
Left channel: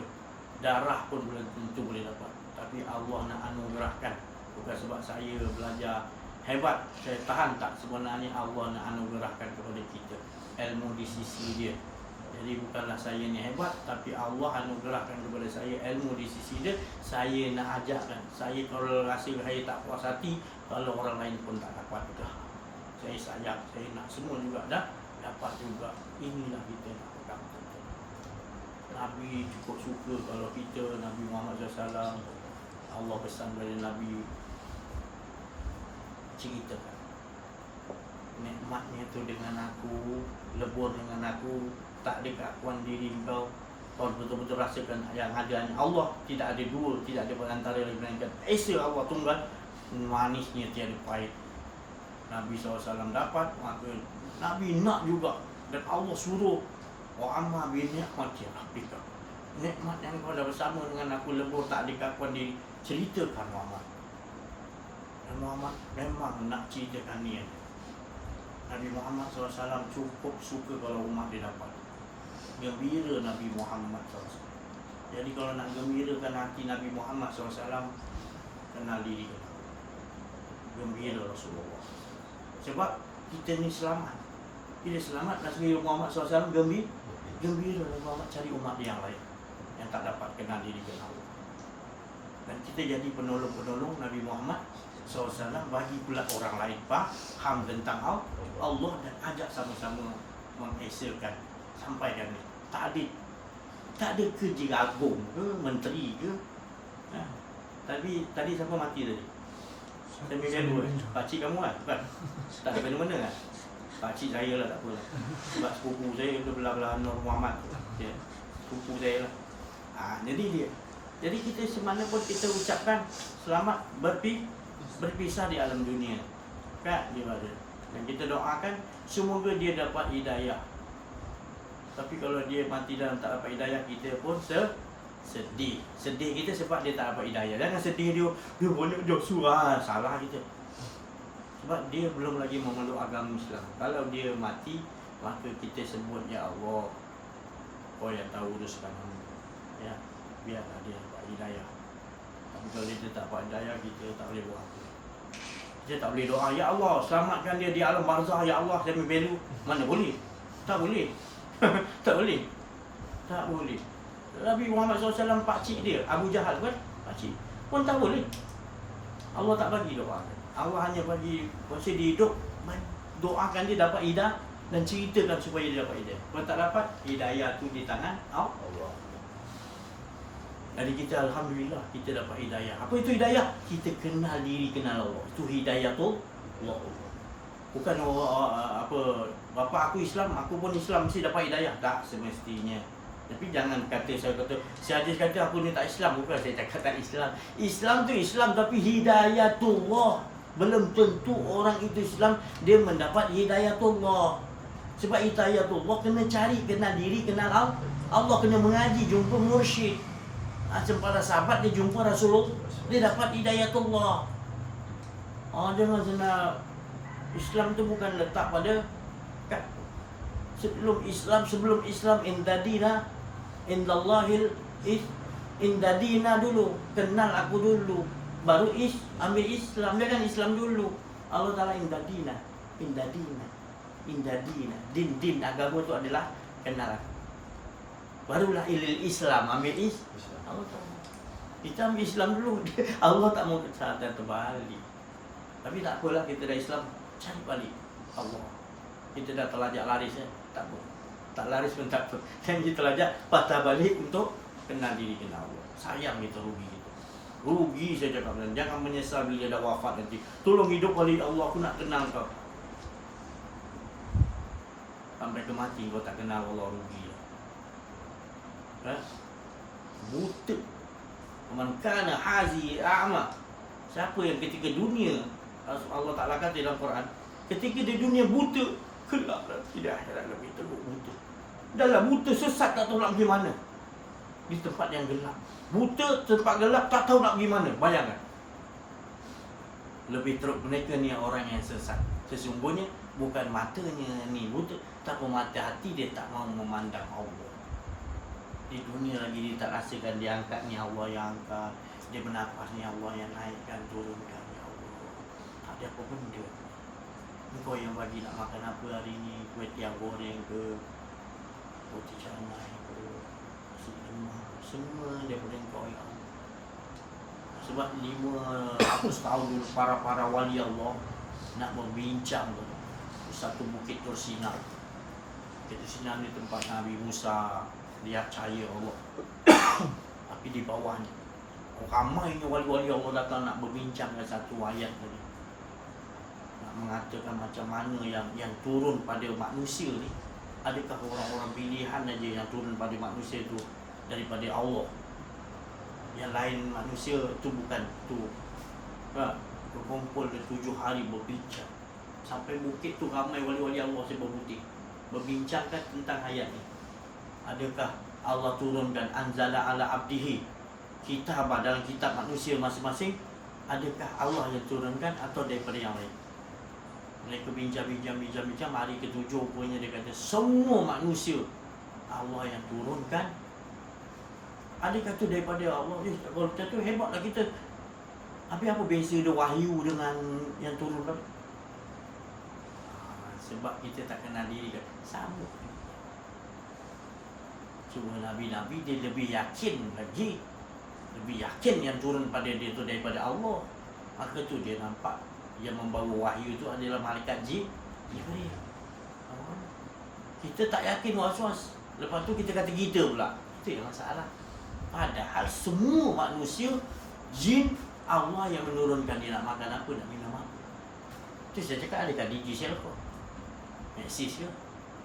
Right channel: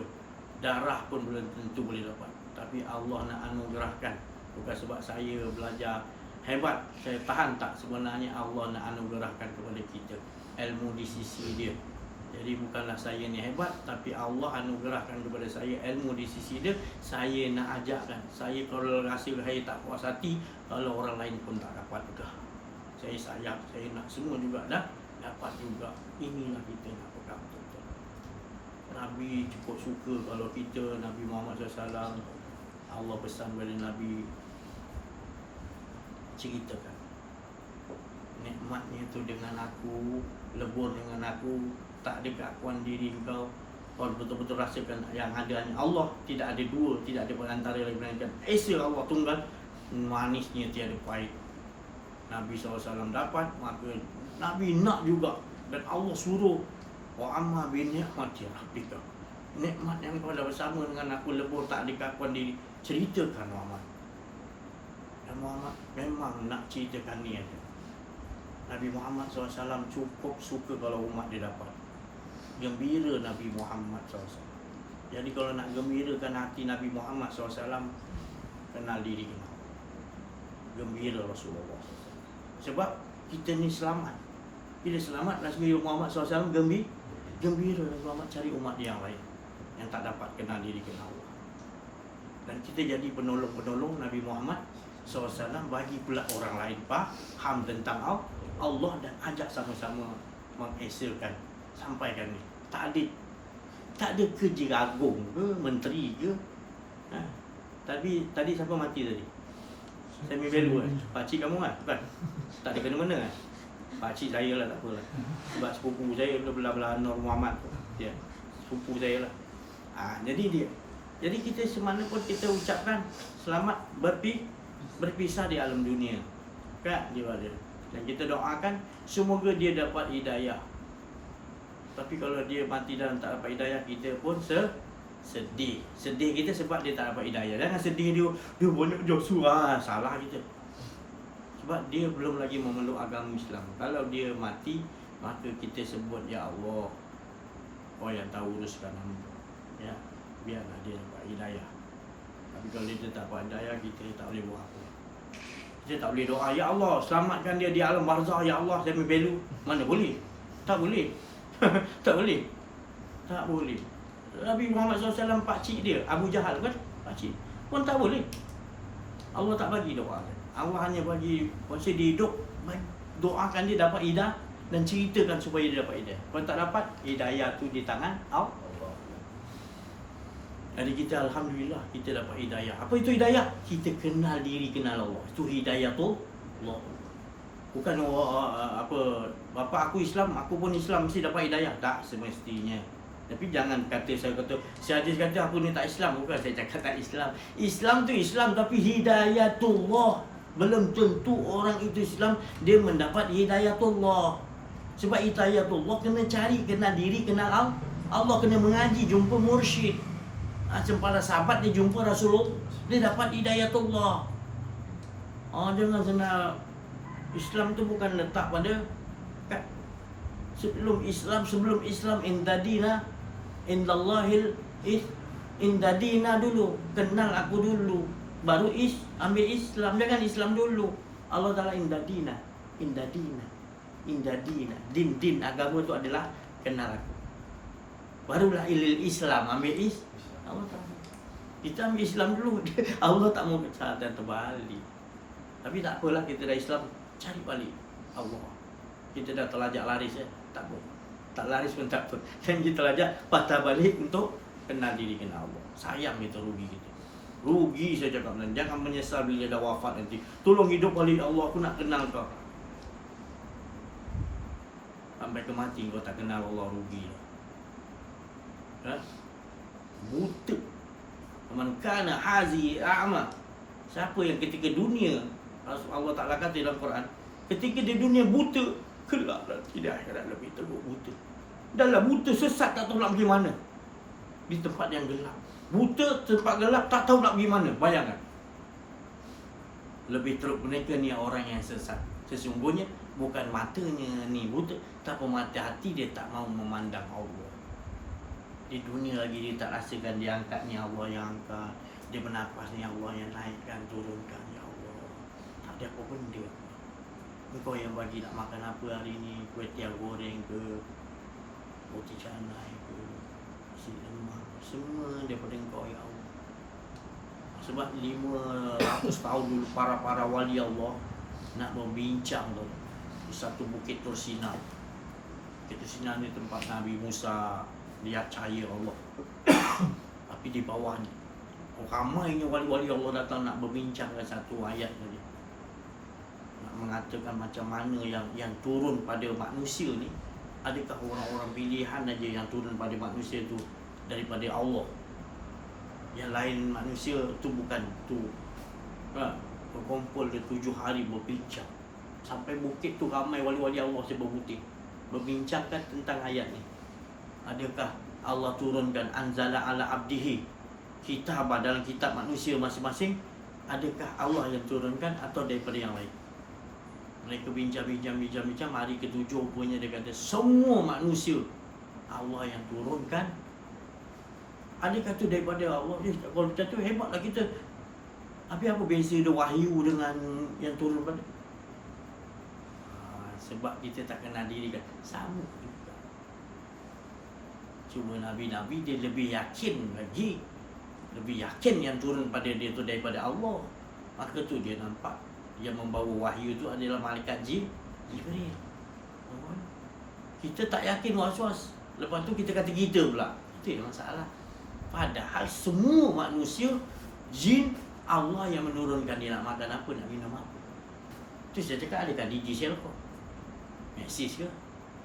darah pun belum tentu boleh dapat. Tapi Allah nak anugerahkan. Bukan sebab saya belajar hebat, saya tahan tak, sebenarnya Allah nak anugerahkan kepada kita ilmu di sisi dia. Jadi bukanlah saya ni hebat, tapi Allah anugerahkan kepada saya ilmu di sisi dia. Saya nak ajarkan. Saya kalau rasa saya tak puas hati, kalau orang lain pun tak dapat juga, saya sayang, saya nak semua juga dapat juga. Inilah kita nak pegang betul-betul. Nabi cukup suka kalau kita, Nabi Muhammad SAW, Allah pesan kepada Nabi, ceritakan nikmatnya tu dengan aku, lebur dengan aku, tak ada keakuan diri kau betul-betul rasakan yang adanya Allah. Tidak ada dua, tidak ada perantara lagi melainkan Esa Allah tunggal, manisnya tiada pahit. Nabi SAW dapat, maka Nabi nak juga. Dan Allah suruh, wa amma bi ni'mati rabbika, nikmat yang kau dah bersama dengan aku, lebur, tak ada keakuan diri, ceritakan Muhammad. Dan Muhammad memang nak ceritakan ni. Nabi Muhammad SAW cukup suka kalau umat dia dapat. Gembira Nabi Muhammad SAW. Jadi kalau nak gembirakan hati Nabi Muhammad SAW, kenal diri kita. Gembira Rasulullah. Sebab kita ni selamat. Bila selamat, Nabi Muhammad SAW gembira. Nabi Muhammad cari umat yang lain yang tak dapat kenal diri, kenal Allah. Dan kita jadi penolong-penolong Nabi Muhammad SAW, bagi pula orang lain faham tentang Allah dan ajak sama-sama mengesakan, sampaikan ni. Tak ada kerja agung ke, menteri ke. Tadi siapa mati tadi? Semi Belu kan? Pakcik kamu kan? Bukan? Tak ada benda-benda kan? Pakcik saya lah, tak apalah. Sebab sepupu saya belah-belah Nur Muhammad tu. Ya, sepupu saya lah. Jadi kita semana pun kita ucapkan selamat berpisah di alam dunia. Kan dia ada. Dan kita doakan semoga dia dapat hidayah. Tapi kalau dia mati dan tak dapat hidayah, kita pun sedih. Sedih kita sebab dia tak dapat hidayah. Jangan sedih dia boleh surah, salah kita. Sebab dia belum lagi memeluk agama Islam. Kalau dia mati, maka kita sebut, ya Allah, kau yang tahu uruskan hamba. Ya, biarlah dia dapat hidayah. Tapi kalau dia tak dapat hidayah, kita tak boleh buat apa. Kita tak boleh doa, ya Allah selamatkan dia di alam barzah, ya Allah saya membelu. Mana boleh? Tak boleh. Tak boleh. Tak boleh. Nabi Muhammad SAW pakcik dia, Abu Jahal kan, pakcik pun tak boleh. Allah tak bagi doa. Allah hanya bagi masa dia hidup, doakan dia dapat hidayah dan ceritakan supaya dia dapat hidayah. Kalau tak dapat, hidayah tu di tangan Allah. Jadi kita alhamdulillah kita dapat hidayah. Apa itu hidayah? Kita kenal diri, kenal Allah. Itu hidayah tu Allah. Bukan apa bapa aku Islam, aku pun Islam mesti dapat hidayah. Tak semestinya. Tapi jangan kata saya hadis kata aku ni tak Islam. Bukan saya cakap tak Islam. Islam tu Islam tapi hidayatullah. Belum tentu orang itu Islam dia mendapat hidayatullah. Sebab hidayatullah kena cari, kenal diri, kenal Allah. Allah kena mengaji, jumpa mursyid. Macam para sahabat dia jumpa Rasulullah, dia dapat hidayatullah. Jangan senang. Islam tu bukan letak pada sebelum Islam indadina indallahil indadina dulu, kenal aku dulu, baru ambil Islam. Jangan Islam dulu. Allah Taala indadina. Din agama itu adalah kenal aku. Barulah ilil Islam, ambil Allah tak mau. Kita ambil Islam dulu. Allah tak mau kesalahan terbalik. Tapi tak apalah, kita dah Islam, cari balik Allah. Kita dah terlajak laris tak apa. Tak laris pun tak apa. Dan kita terlajak patah balik untuk kenal diri, kenal Allah. Sayang kita rugi kita. Rugi saya cakap. Jangan menyesal bila dah wafat nanti. Tolong hidup balik Allah, aku nak kenal kau. Sampai ke mati kau tak kenal Allah, rugi lah. Buta. Man kana hazi a'ma. Siapa yang ketika dunia, Allah Ta'ala kata dalam Quran, ketika di dunia buta, gelap nanti di akhirat lebih teruk buta. Dalam buta sesat tak tahu nak pergi mana. Di tempat yang gelap. Buta tempat gelap tak tahu nak pergi mana. Bayangkan. Lebih teruk mereka ni orang yang sesat. Sesungguhnya bukan matanya ni buta, tapi mata hati dia tak mau memandang Allah. Di dunia lagi dia tak rasakan dia angkat ni Allah yang angkat, dia bernafas ni Allah yang naikkan, turunkan ya Allah. Tak ada apa benda. Engkau yang bagi nak makan apa hari ni, kuih tiang goreng ke, roti canai ke, nasi lemak, semua daripada engkau ya Allah. Sebab 500 tahun dulu para wali Allah nak berbincang tu di satu bukit Tursina. Bukit Tursina ni tempat Nabi Musa lihat cahaya Allah. Tapi di bawahnya ramainya wali-wali Allah datang nak berbincangkan satu ayat tadi. Nak mengatakan macam mana yang turun pada manusia ni. Adakah orang-orang pilihan aja yang turun pada manusia tu daripada Allah? Yang lain manusia tu bukan tu. Berkumpul ke 7 hari berbincang. Sampai bukit tu ramai wali-wali Allah sebut berbincangkan tentang ayat ni. Adakah Allah turunkan anzala ala abdihi kitab dalam kitab manusia masing-masing? Adakah Allah yang turunkan atau daripada yang lain? Mereka bincang. Hari ke-7 punya dia kata semua manusia Allah yang turunkan. Adakah tu daripada Allah? Kalau kita tu hebatlah kita. Habis apa beza dia wahyu dengan yang turun pada? Sebab kita tak kenal diri kan. Sama. Cuma Nabi-Nabi dia lebih yakin lagi. Lebih yakin yang turun pada dia tu daripada Allah. Maka tu dia nampak yang membawa wahyu tu adalah malaikat Jibril. Kita tak yakin was-was. Lepas tu kita kata kita pula. Itu yang masalah. Padahal semua manusia, jin, Allah yang menurunkan dia nak makan apa, nak minum apa. Tu saya cakap adakah DJ Selco? Meksis ke?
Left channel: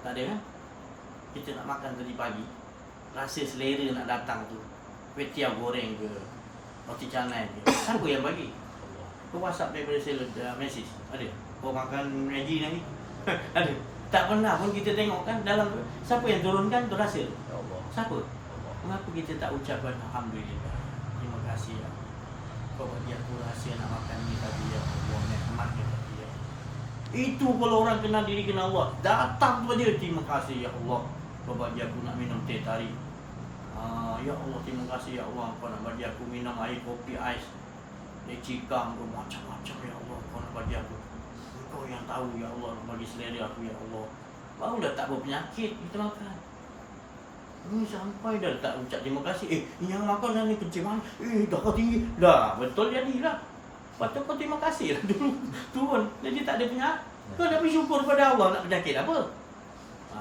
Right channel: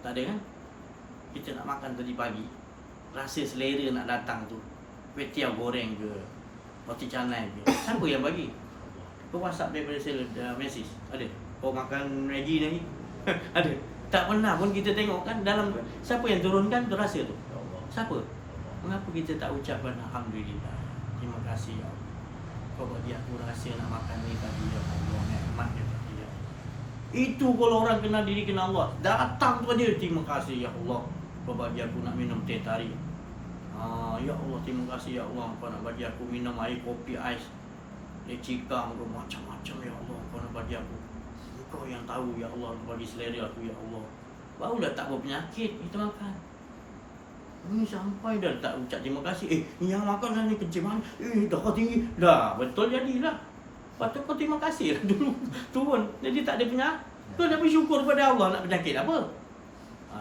Tak ada kan? Kita nak makan tadi pagi, rasa selera nak datang tu, kuih tiaw goreng ke, roti canai ke, siapa yang bagi? Kau WhatsApp daripada Meksis? Ada? Kau makan Maggi lagi? Ada? Tak pernah pun kita tengok kan dalam siapa yang turunkan tu rasa tu? Siapa? Mengapa kita tak ucapkan Alhamdulillah, terima kasih ya Allah, kau bagi aku rasa nak makan ni tadi ya Allah, nikmat dia tadi ya Allah. Itu kalau orang kenal diri, kenal Allah, datang tu aja, terima kasih ya Allah, kau bagi aku nak minum teh tarik. Ya Allah, terima kasih ya Allah, kau nak bagi aku minum air kopi ais. lecikam ke macam-macam. Ya Allah, kau nak bagi aku, kau yang tahu ya Allah, nak bagi selera aku ya Allah. Barulah tak berpenyakit kita makan. Ini sampai dah tak ucap terima kasih. Yang makan ni kecil mana? Darah tinggi. Dah, betul jadilah. Lepas tu kau terima kasih lah dulu. Turun. Jadi tak ada penyakit. Kau dah bersyukur pada Allah, nak penyakit apa?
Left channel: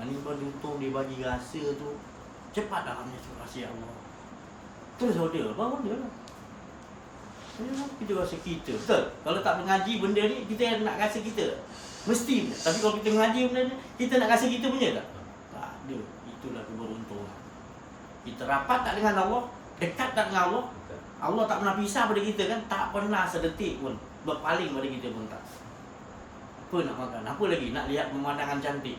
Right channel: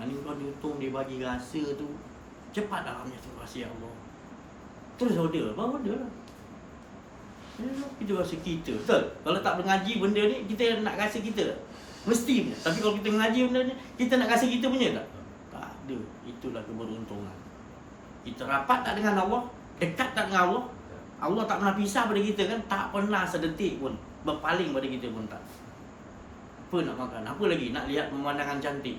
Ni kau diutung, dia bagi rasa tu. Cepat dah kami terima kasih Allah. Terus order. Baru order lah. Kita rasa kita. Betul? Kalau tak mengaji benda ni, kita nak rasa kita. Mesti punya. Tapi kalau kita mengaji benda ni, kita nak rasa kita punya tak? Tak ada. Itulah keberuntungan. Kita rapat tak dengan Allah? Dekat tak dengan Allah? Allah tak pernah pisah pada kita kan? Tak pernah sedetik pun berpaling pada kita pun tak. Apa nak makan? Apa lagi? Nak lihat pemandangan cantik.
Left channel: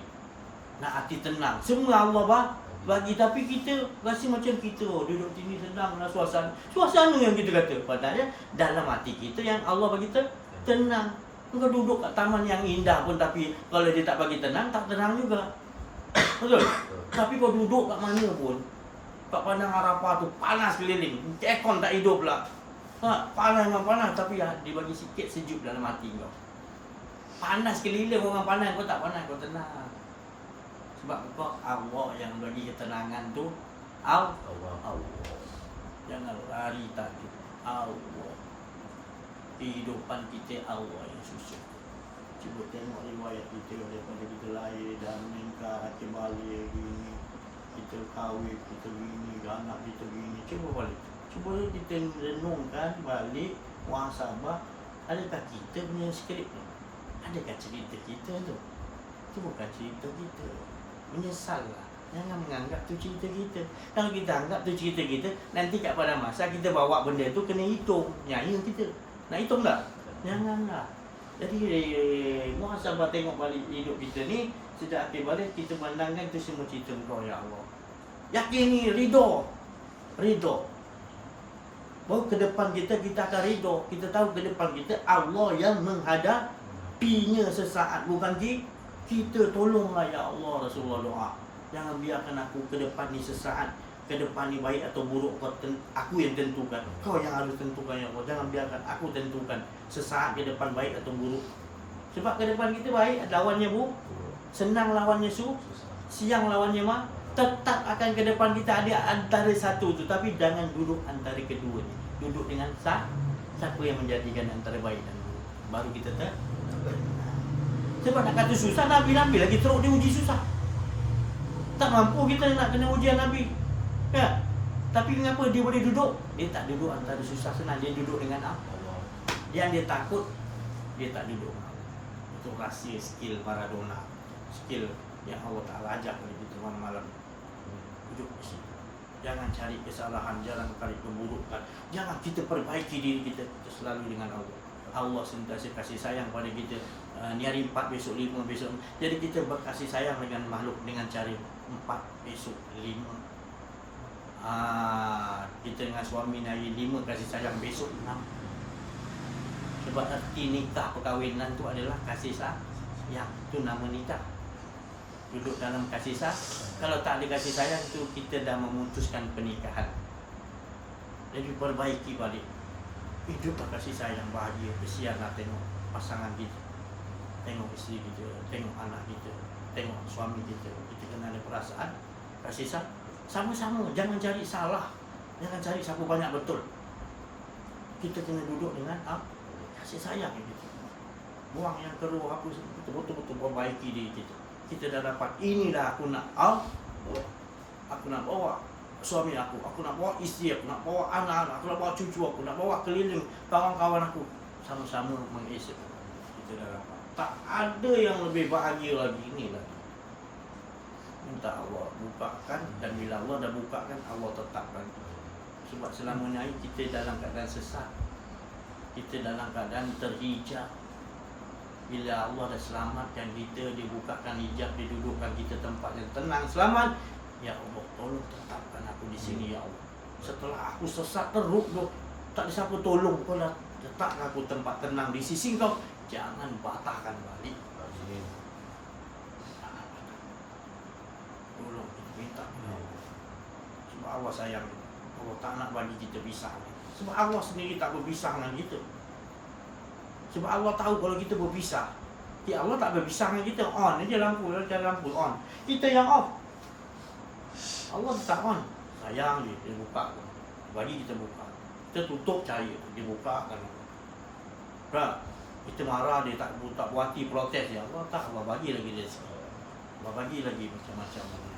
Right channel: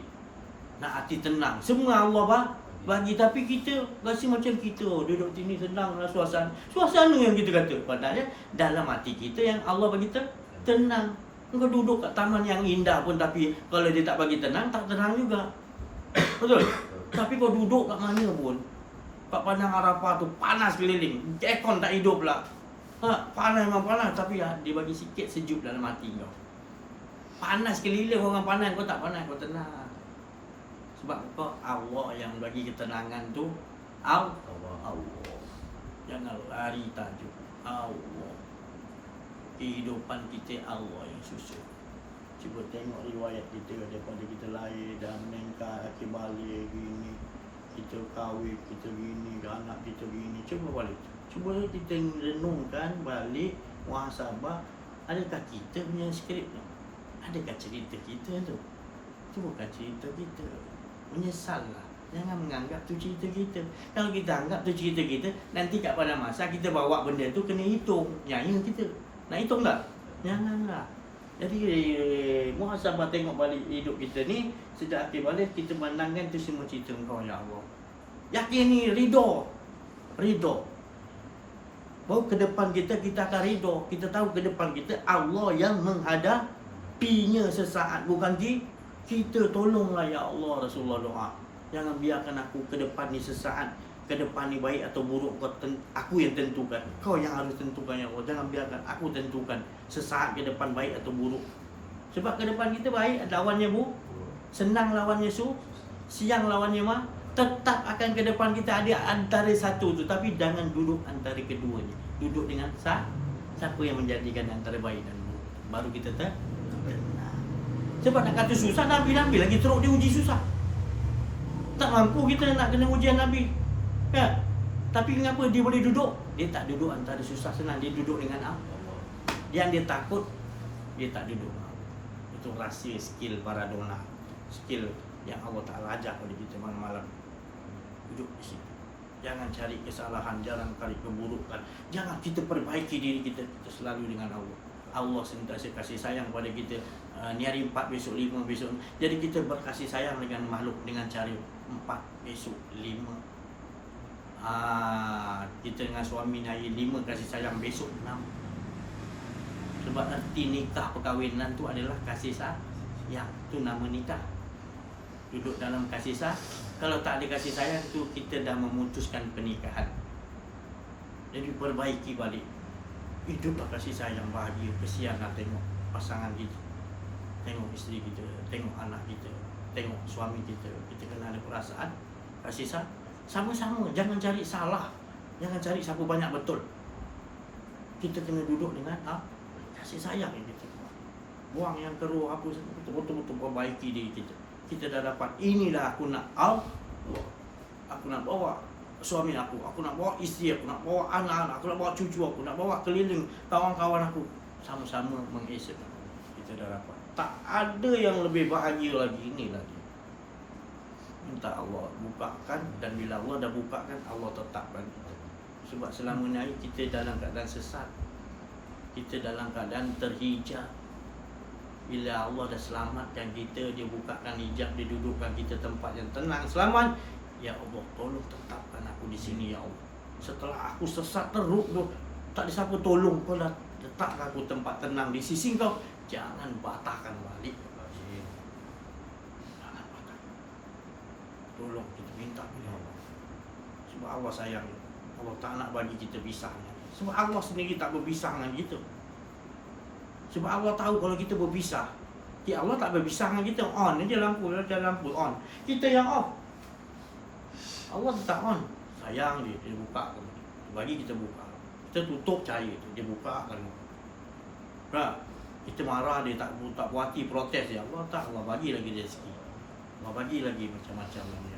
Nak hati tenang. Semua Allah bagi, tapi kita rasa macam kita duduk sini senanglah suasana. Suasana yang kita kata. Padahal dalam hati kita yang Allah bagi tenang. Kau duduk kat taman yang indah pun, tapi kalau dia tak bagi tenang, tak tenang juga. Betul? Tapi kau duduk kat mana pun, kat Padang Arafah tu panas keliling, aircon tak hidup pula. Panas memang panas, tapi dia bagi sikit sejuk dalam hati kau. Panas keliling orang panas, kau tak panas, kau tenang. Sebab kau Allah yang bagi ketenangan tu. Allah. Jangan lari tajuk Allah. Kehidupan kita Allah yang susun. Cuba tengok riwayat kita daripada kita lahir dah meningkat, kita balik gini, kita kahwin, kita gini, anak kita gini. Cuba balik. Cuba kita renungkan balik, muhasabah. Adakah kita punya skrip tu? Adakah cerita kita tu? Itu bukan cerita kita. Menyesallah. Jangan menganggap tu cerita kita. Kalau kita anggap tu cerita kita, nanti kat pada masa kita bawa benda tu kena hitung. Nyaya kita. Nak hitung tak? Janganlah. Jadi muhasabah tengok balik hidup kita ni. Sejak akhir balik kita pandangkan tu semua cerita Engkau ya Allah. Yakini ridho. Baru ke depan kita akan ridho. Kita tahu ke depan kita Allah yang menghadapinya sesaat, bukan kita. Tolonglah ya Allah. Rasulullah doa, jangan biarkan aku ke depan ni sesaat. Ke depan ni baik atau buruk aku yang tentukan. Kau yang harus tentukan ya Allah. Jangan biarkan aku tentukan sesaat ke depan baik atau buruk. Sebab ke depan kita baik, lawannya senang, lawannya siang, lawannya tetap akan ke depan kita ada antara satu tu. Tapi jangan duduk antara keduanya. Duduk dengan siapa yang menjadikan antara baik dan buruk. Baru kita tenang. Sebab nak kata susah, Nabi lagi teruk dia uji susah. Tak mampu kita nak kena ujian Nabi. Ya. Tapi kenapa dia boleh duduk? Dia tak duduk antara susah senang. Dia duduk dengan Allah. Yang dia takut, dia tak duduk. Itu rahsia skill para dona. Skill yang Allah Ta'ala ajar kepada kita malam-malam. Duduk di sini. Jangan cari kesalahan, jangan cari keburukan. Jangan kita perbaiki diri kita. Kita selalu dengan Allah. Allah sentiasa kasih sayang pada kita. Ni hari 4, besok 5, besok. Jadi kita berkasih sayang dengan makhluk dengan cara 4, besok 5. Kita dengan suami hari 5 kasih sayang, besok 6. Sebab arti nikah perkahwinan tu adalah kasih sayang. Itu nama nikah. Duduk dalam kasih sayang. Kalau tak ada kasih sayang tu, kita dah memutuskan pernikahan. Jadi perbaiki balik. Hiduplah kasih sayang, bahagia. Kesian nak tengok pasangan kita, tengok isteri kita, tengok anak kita, tengok suami kita. Kita kena ada perasaan kasih sayang. Sama-sama, jangan cari salah. Jangan cari siapa banyak betul. Kita kena duduk dengan kasih sayang kita. Buang yang keruh apa, kita betul-betul perbaiki diri kita. Kita dah dapat, inilah aku nak aku nak bawa suami aku nak bawa isteri aku, nak bawa anak-anak aku, nak bawa cucu aku, nak bawa keliling kawan-kawan aku. Sama-sama mengesep. Kita dah dapat. Tak ada yang lebih bahagia lagi. Inilah dia. Minta Allah bukakan, dan bila Allah dah bukakan, Allah tetapkan kita. Sebab selama ni kita dalam keadaan sesat, kita dalam keadaan terhijab. Bila Allah dah selamatkan kita, dia bukakan hijab, dia dudukkan kita tempat yang tenang, selamat. Ya Allah, tolong tetapkan aku di sini ya Allah. Setelah aku sesat teruk tu, tak ada siapa tolong, kau dah letakkan aku tempat tenang di sisi kau. Jangan patahkan balik. Tolong kita minta ya Allah. Sebab Allah sayang. Allah tak nak bagi kita pisah ni. Sebab Allah sendiri tak berpisah dengan kita. Sebab Allah tahu kalau kita berpisah, Allah tak berpisah dengan kita. On je lampu, on. Kita yang off. Allah tak on. Sayang dia buka. Bagi kita buka. Kita tutup cahaya tu, dia buka kan. Kita marah dia tak puati protes dia. Allah tak, Allah bagi lagi rezeki. Allah bagi lagi macam-macam lagi.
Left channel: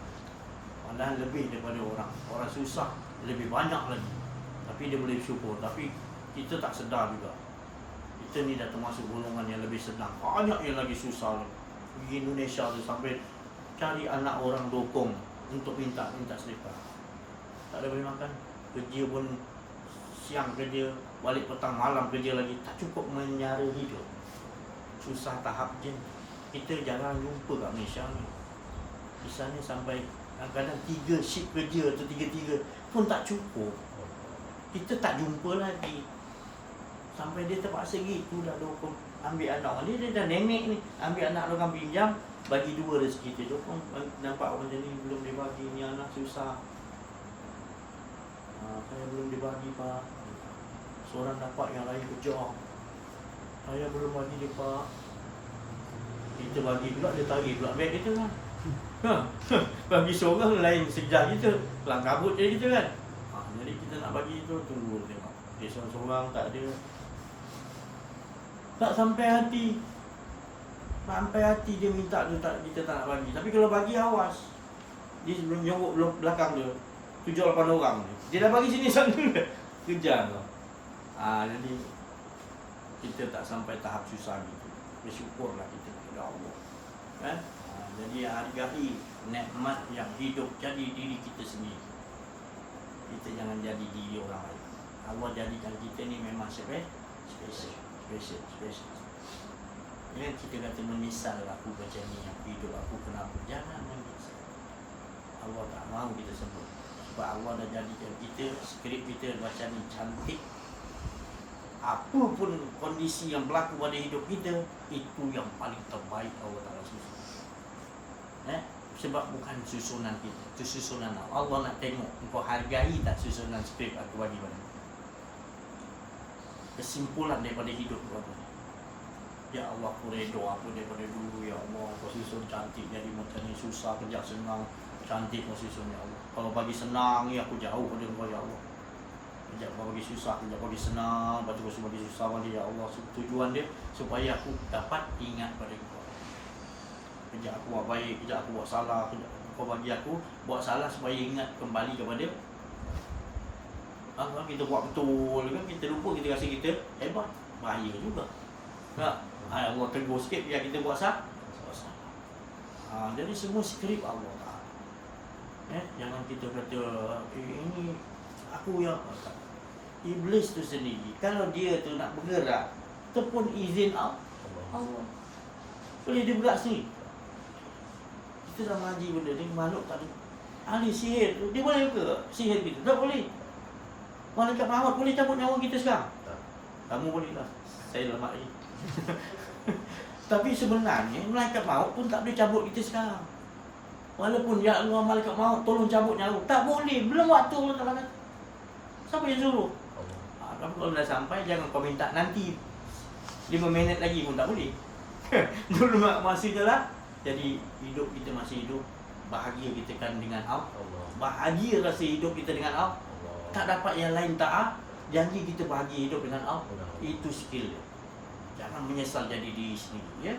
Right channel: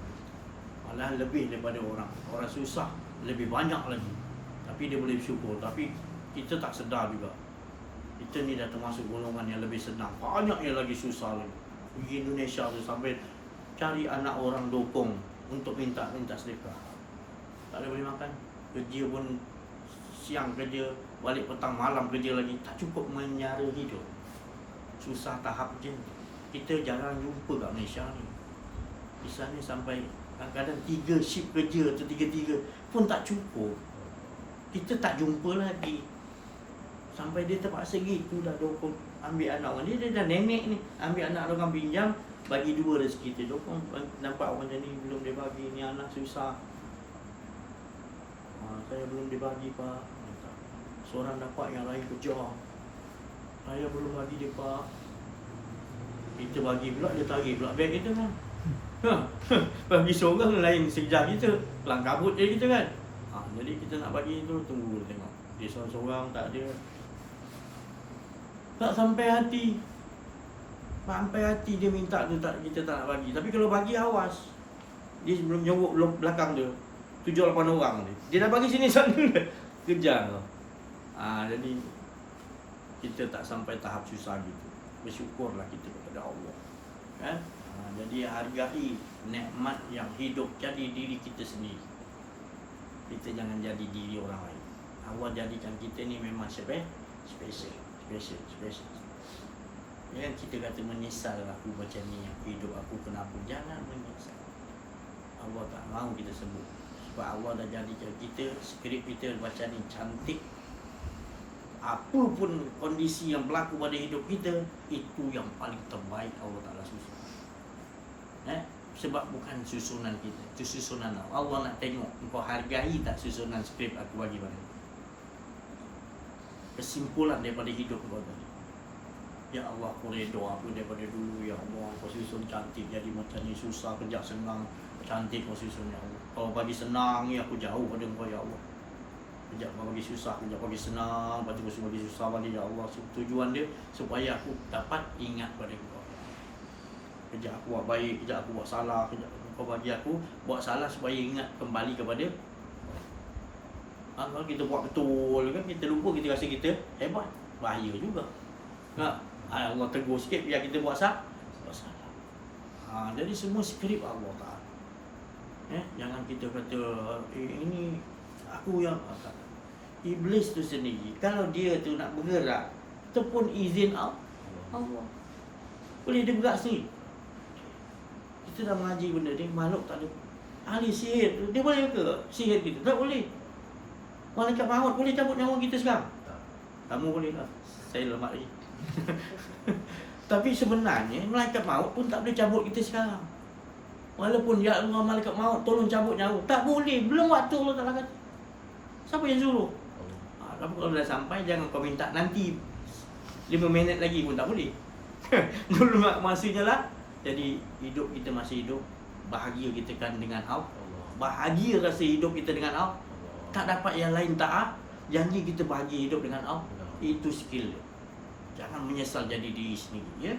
Malah lebih daripada orang susah, lebih banyak lagi. Tapi dia boleh bersyukur. Tapi kita tak sedar juga. Kita ni dah termasuk golongan yang lebih senang. Banyak yang lagi susah lagi. Pergi Indonesia tu sampai cari anak orang dokong untuk minta sedekah. Tak ada boleh makan. Kerja pun siang kerja, balik petang malam kerja lagi. Tak cukup menyara hidup. Susah tahap je. Kita jarang jumpa kat Malaysia ni. Di sana sampai kadang-kadang 3 shift kerja atau 3 pun tak cukup. Kita tak jumpa lagi. Sampai dia terpaksa gitu dah dokong ambil anak orang dia dah nenek ni, ambil anak orang pinjam, bagi 2 rezeki dia dokong. Nampak orang macam ni belum dia bagi, ni anak susah. Saya belum dibagi pak. Seorang dapat yang lain kejar. Saya belum bagi dia pak. Kita bagi pula, dia tarik pula beg kita kan. Bagi seorang lain sejar kita, kelang kabut je kita kan. Jadi kita nak bagi tu, tunggu tengok. Dia seorang-seorang tak ada. Tak sampai hati. Sampai hati dia minta tu, tak, kita tak nak bagi. Tapi kalau bagi awas. Dia sebelum nyogok belakang dia 7-8 orang ni. Dia dah bagi sini sana. Kejar tu. Jadi kita tak sampai tahap susah gitu. Bersyukurlah kita kepada Allah. Kan? Jadi hargai nikmat yang hidup jadi diri kita sendiri. Kita jangan jadi diri orang lain. Allah jadikan kita ni memang special. Jangan kita kata menyesal aku macam ni, aku hidup aku kenapa. Jangan menyesal. Allah tak mahu kita sebut. Sebab Allah dah jadikan kita, skrip kita macam ni cantik. Apa pun kondisi yang berlaku pada hidup kita, itu yang paling terbaik Allah Ta'ala susun. Sebab bukan susunan kita, itu susunan Allah. Allah nak tengok engkau hargai tak susunan skrip aku bagi pada kau. Kesimpulan daripada hidup kau tu. Ya Allah, aku redha apa daripada dulu. Ya Allah, kau susun cantik jadi macam ni. Susah kejap senang, cantik kau susun ya Allah. Kalau bagi senang ni aku jauh pada kau ya Allah. Kejap kau bagi susah, kejap bagi senang, lepas tu kau bagi susah balik ya Allah. Tujuan dia supaya aku dapat ingat pada kau. Kejap aku buat baik, kejap aku buat salah, kejap kau bagi aku buat salah supaya ingat kembali kepada. Kalau kita buat betul kan, kita lupa, kita rasa kita hebat, bahaya juga. Allah tegur sikit biar kita buat salah. Jadi semua skrip Allah Ta'ala. Jangan kita kata ini aku yang Iblis tu sendiri, kalau dia tu nak bergerak, tu pun izin Allah. Boleh dia bergerak sendiri. Kita dah mengaji benda ni, makhluk tak ada. Ahli sihir tu, dia boleh ke sihir kita? Tak boleh. Malaikat maut boleh cabut nyawa kita sekarang? Kamu boleh lah, saya lemah lagi. Tapi sebenarnya malaikat maut pun tak boleh cabut kita sekarang. Walaupun ya Allah malaikat maut tolong cabut nyawa, tak boleh, belum waktu Allah Ta'ala kata. Siapa yang suruh? Tapi kalau dah sampai, jangan kau minta nanti 5 minit lagi pun tak boleh. Dulu masanya lah. Jadi hidup kita masih hidup, bahagia kita kan dengan Allah. Bahagia rasa hidup kita dengan Allah. Tak dapat yang lain taat, janji kita bahagia hidup dengan Allah. Itu skill dia. Jangan menyesal jadi diri sendiri ya.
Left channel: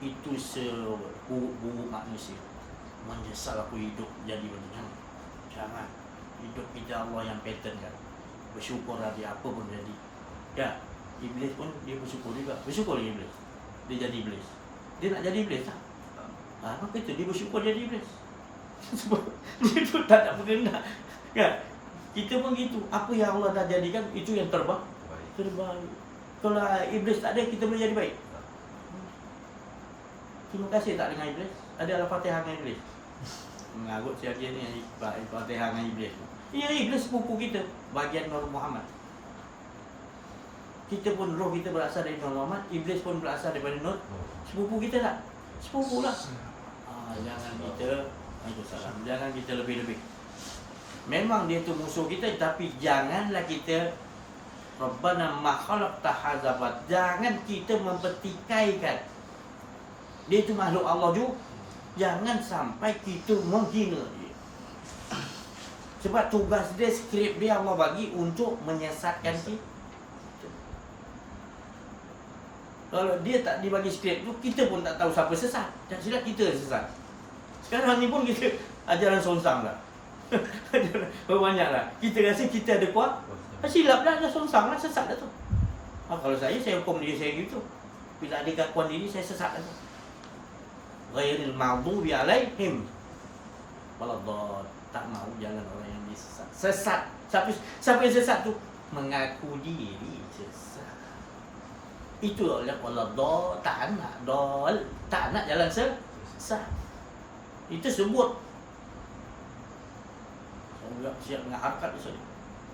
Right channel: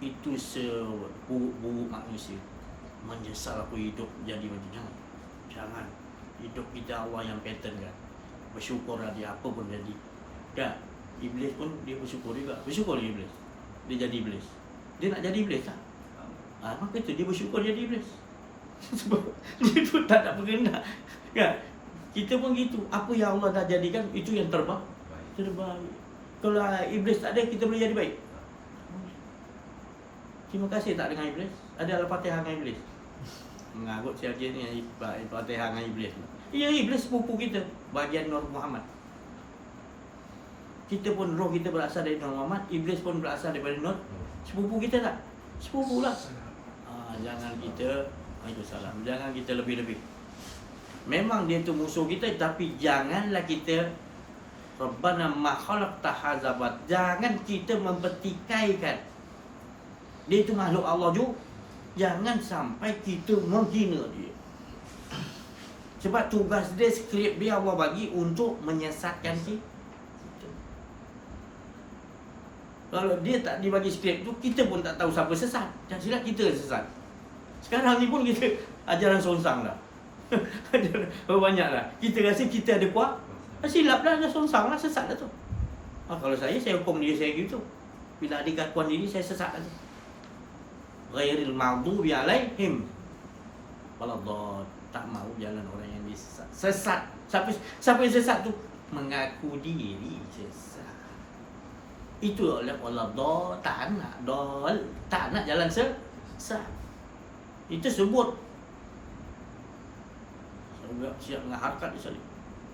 Itu seburuk-buruk manusia. Menyesal aku hidup jadi macam ni. Jangan. Hidup kita Allah yang pattern kan. Bersyukur dia apa pun jadi. Kan? Iblis pun dia bersyukur juga. Bersyukur Iblis. Dia jadi Iblis. Dia nak jadi Iblis tak? Maka itu dia bersyukur jadi Iblis. Sebab dia tu tak nak berkenan. Kan? Kita pun gitu. Apa yang Allah dah jadikan, itu yang terbaik. Kalau Iblis tak ada, kita boleh jadi baik. Terima kasih tak dengan Iblis. Ada Al-Fatihah dengan Iblis. Mengarut siapa ni Al-Fatihah dengan Iblis. Ya, Iblis sepupu kita, bagian Nur Muhammad. Kita pun roh kita berasal dari Nur Muhammad, Iblis pun berasal daripada Nur. Sepupu kita tak? Sepupu lah. Jangan kita, jangan kita lebih-lebih. Memang dia tu musuh kita, tapi janganlah kita Rabbana ma khalaqta hadza bat. Jangan kita mempertikaikan. Dia itu makhluk Allah juga. Jangan sampai kita menghina dia. Sebab tugas dia, skrip dia Allah bagi untuk menyesatkan kita. Kalau dia tak dibagi skrip tu, kita pun tak tahu siapa sesat. Jangan silap kita sesat. Sekarang ni pun kita ajaran songsang dah. Banyak lah. Kita rasa kita ada kuat. Silap dah songsang lah, sesat dah tu. Kalau saya hukum diri saya gitu. Bila ada gangguan diri, saya sesat dah tu. Ghairil maghdubi alaihim waladdallin. Tak mau jalan orang yang disesat. Sesat. Siapa yang sesat tu? Mengaku diri sesat. Itu oleh Allah tak nak jalan sesat. Itu sebut siap dengan harkat dia sekali.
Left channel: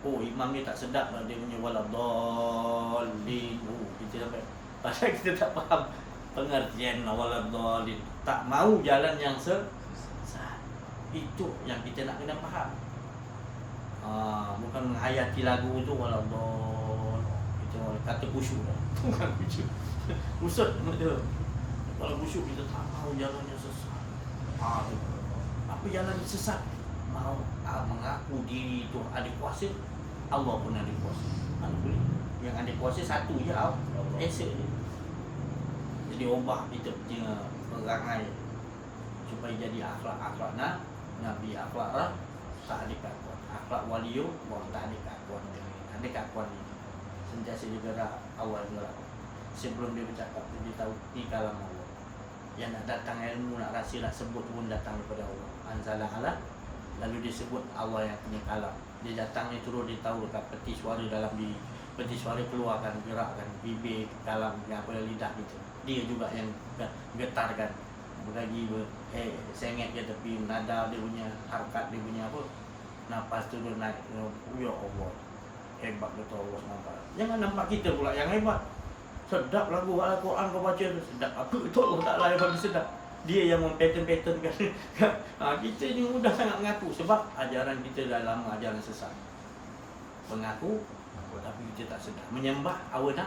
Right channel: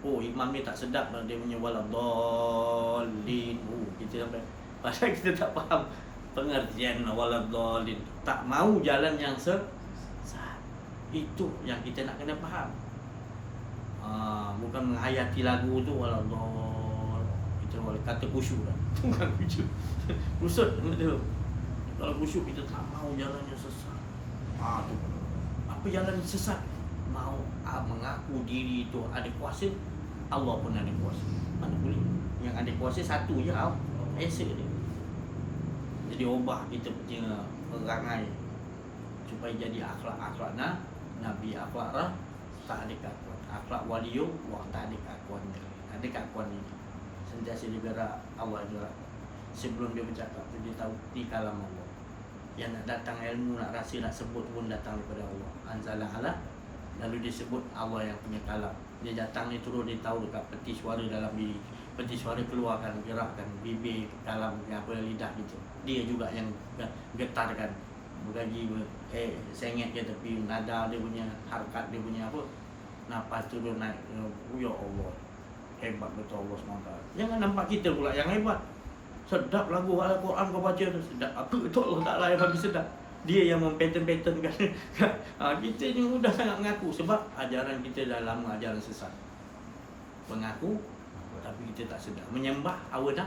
Oh, imam ni tak sedap lah, dia punya waladdallin. Kita sampai pasal kita tak faham pengertian waladdallin. Tak mau jalan yang sesat. Itu yang kita nak kena faham. Bukan menghayati lagu tu waladdallin. Itu kata khusyuk dah. Bukan khusyuk. Kusut betul. Kalau khusyuk kita tak mau jalan yang sesat. Tu. Apa jalan sesat? Mau mengaku diri itu ada kuasa. Allah pun ada kuasa. Mana boleh? Yang ada kuasa satu je, Esa dia. Jadi ubah kita punya perangai supaya jadi akhlak-akhlak Nabi, akhlak tak ada keakuan. Akhlak waliullah tak ada keakuan dia. Ada keakuan ni. Sentiasa dia gerak, awal gerak. Sebelum dia bercakap tu dia tahu ni kalam Allah. Yang nak datang ilmu, nak rasa, nak sebut pun datang daripada Allah. Anzala ala. Lalu dia sebut Allah yang punya kalam. Dia datang ni turun, dia tahu dekat peti suara dalam diri. Peti suara keluarkan, gerakkan bibir, kalam, apa lidah gitu. Dia juga yang getarkan. Bergaji, sengit ke tepi, nada dia punya, harkat dia punya apa. Nafas tu dia naik. Ya Allah. Hebat betul Allah SWT. Jangan nampak kita pula yang hebat. Sedap lagu Al-Quran kau baca tu. Sedap. Apa betul Allah Ta'ala yang bagi sedap. Dia yang mem-pattern-patternkan. Kita ni mudah sangat mengaku. Sebab ajaran kita dah lama ajaran sesat. Mengaku tapi kita tak sedar. Menyembah awadah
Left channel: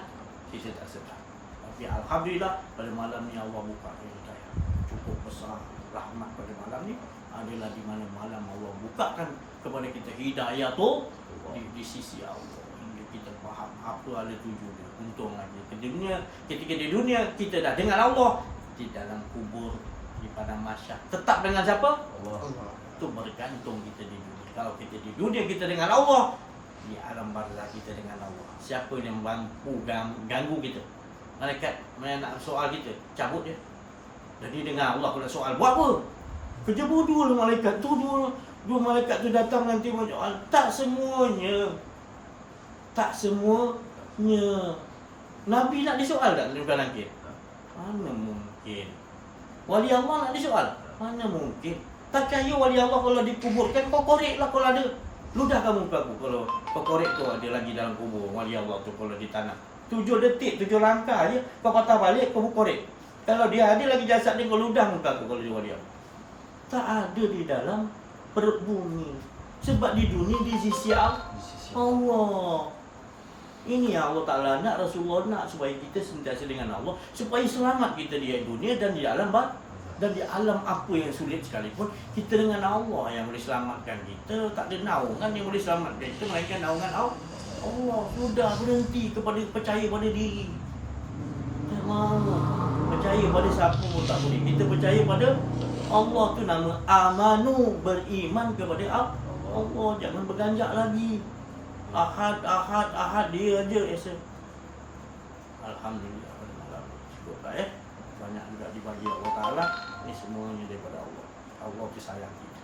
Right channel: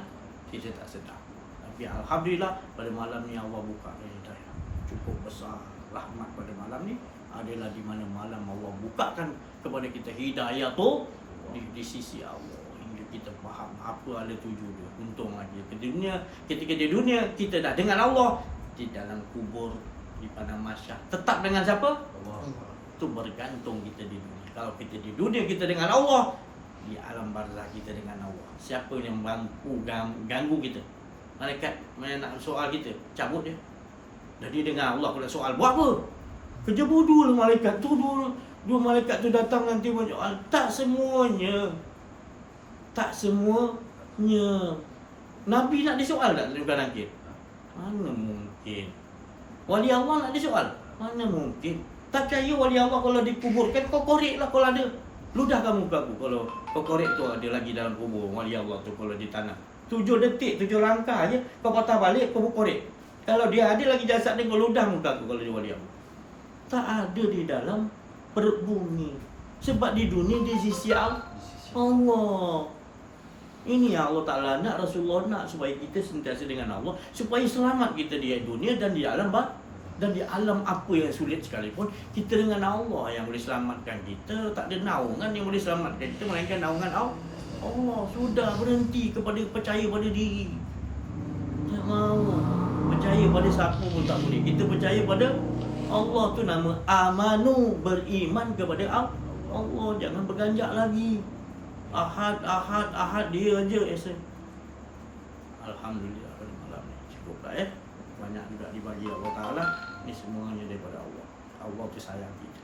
kita tak sedar. Tapi Alhamdulillah pada malam ni Allah buka hidayah. Cukup besar rahmat pada malam ni adalah di mana malam Allah bukakan kepada kita hidayah tu di sisi Allah. Hingga kita faham apa ada tuju dia. Untung lagi ketika di dunia kita dah dengan Allah. Di dalam kubur, di padang mahsyar tetap dengan siapa? Allah. Itu bergantung kita di dunia. Kalau kita di dunia kita dengan Allah, di alam barzah kita dengan Allah. Siapa yang mampu ganggu kita? Malaikat nak soal kita, cabut dia. Jadi dengan Allah kena soal, buat apa? Kerja bodoh lah malaikat tu. Dua malaikat tu datang nanti menjawab. Tak semuanya. Nabi nak disoal tak dalam langit? Mana mungkin? Wali Allah nak disoal? Mana mungkin? Tak percaya wali Allah kalau dikuburkan, kau korek lah kalau ada. Ludah kamu muka aku kalau kau korek tu ada lagi dalam kubur wali Allah tu kalau di tanah. 7 detik, 7 langkah je kau patah balik, kau korek. Kalau dia ada lagi jasad dia, kau ludah muka aku kalau dia wali Allah. Tak ada di dalam perut bumi. Sebab di dunia di sisi Allah. Ini yang Allah Ta'ala nak, Rasulullah nak supaya kita sentiasa dengan Allah, supaya selamat kita di dunia dan di alam dan di alam apa yang sulit sekalipun, kita dengan Allah yang boleh selamatkan kita. Tak ada naungan yang boleh selamatkan kita melainkan naungan Allah. Sudah berhenti kepada percaya pada diri. Tak mau percaya pada siapa pun tak boleh. Kita percaya pada Allah tu nama amanu, beriman kepada Allah. Jangan berganjak lagi. Ahad dia aja esa. Alhamdulillah pada malam ni cukup lah banyak juga dibagi Allah Ta'ala. Ini semuanya daripada Allah. Allah tu sayang kita.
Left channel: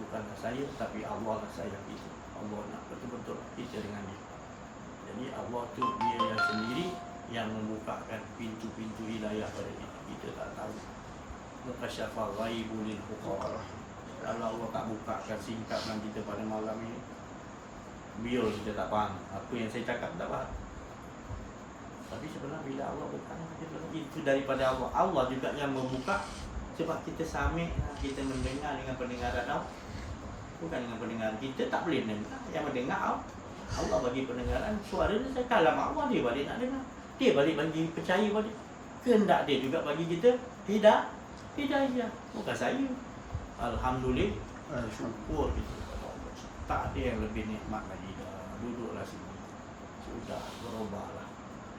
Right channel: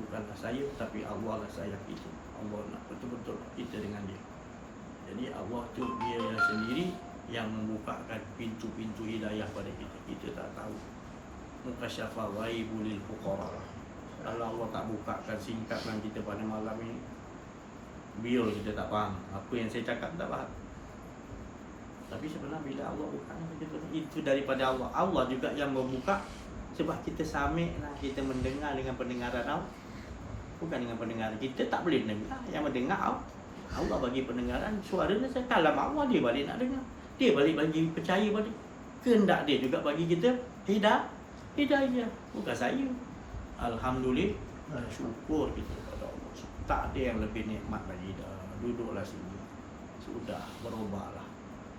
Bukanlah saya tapi Allah lah sayang kita. Allah nak betul-betul kita dengan dia. Jadi Allah tu dia yang sendiri yang membukakan pintu-pintu hidayah pada kita. Kita tak tahu. Mukasyafa ghaibul lil fuqara. Kalau Allah tak bukakan singkapkan kita pada malam ini, biar kita tak faham. Apa yang saya cakap tak faham. Tapi sebenarnya bila Allah buka itu daripada Allah. Allah juga yang membuka. Sebab kita samik, kita mendengar dengan pendengaran Allah. Bukan dengan pendengaran. Kita tak boleh dengar. Yang mendengar Allah bagi pendengaran, suara dia saya kalam Allah, dia balik nak dengar. Dia balik bagi percaya balik. Kehendak dia juga bagi kita hidayah. Bukan saya. Alhamdulillah, syukur kita kepada Allah. Tak ada yang lebih nikmat lagi dah. Duduklah sini. Sudah berubahlah.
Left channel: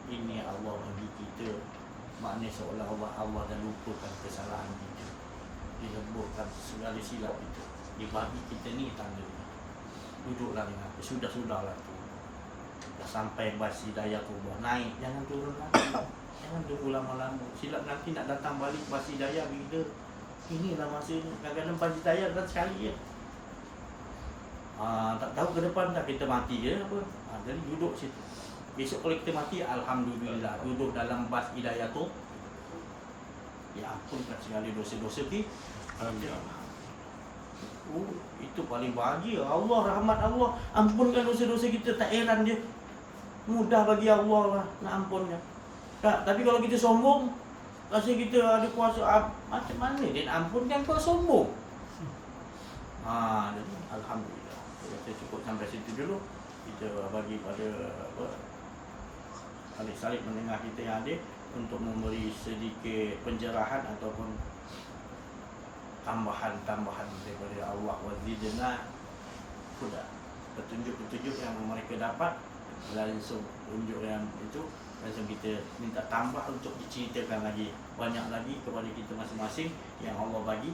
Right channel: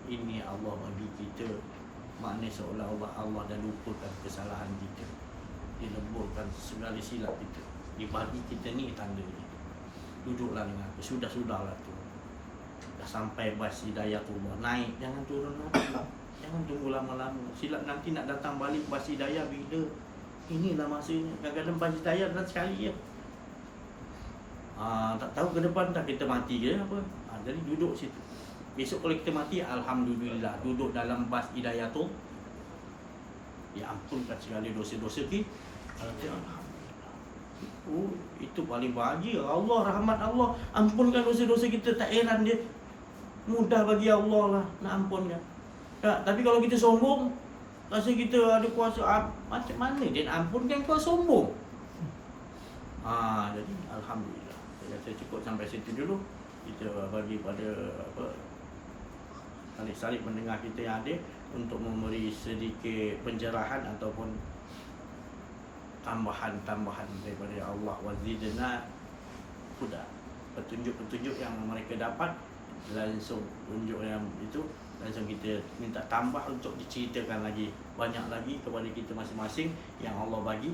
Ini Allah bagi kita. Maknanya seolah-olah Allah dah lupakan kesalahan kita. Dileburkan segala silap kita. Dia bagi kita ni tanda ni. Duduklah dengan aku. Sudahlah tu. Dah sampai bas Hidayatullah. Naik. Jangan turun lagi. Jangan tunggu lama-lama. Silap nanti nak datang balik bas Hidayah bila. Inilah masanya. Kadang-kadang bas Hidayah datang sekali je. Tak tahu ke depan tak kita mati ke apa. Jadi duduk situ. Besok kalau kita mati, Alhamdulillah. Duduk dalam bas Hidayah tu. Diampunkan segala dosa-dosa kita. Alhamdulillah. Itu paling bahagia. Allah, rahmat Allah, ampunkan dosa-dosa kita. Tak heran dia. Mudah bagi Allah lah nak ampunkan. Tapi kalau kita sombong, rasa kita ada kuasa, macam mana dia nak ampunkan kau sombong? Jadi Alhamdulillah. Saya cukup sampai situ dulu. Kita bagi pada salib mendengar kita yang ada untuk memberi sedikit pencerahan ataupun tambahan daripada Allah wazidna huda. Petunjuk-petunjuk yang mereka dapat langsung tunjuk yang itu, langsung kita minta tambah untuk diceritakan lagi banyak lagi kepada kita masing-masing yang Allah bagi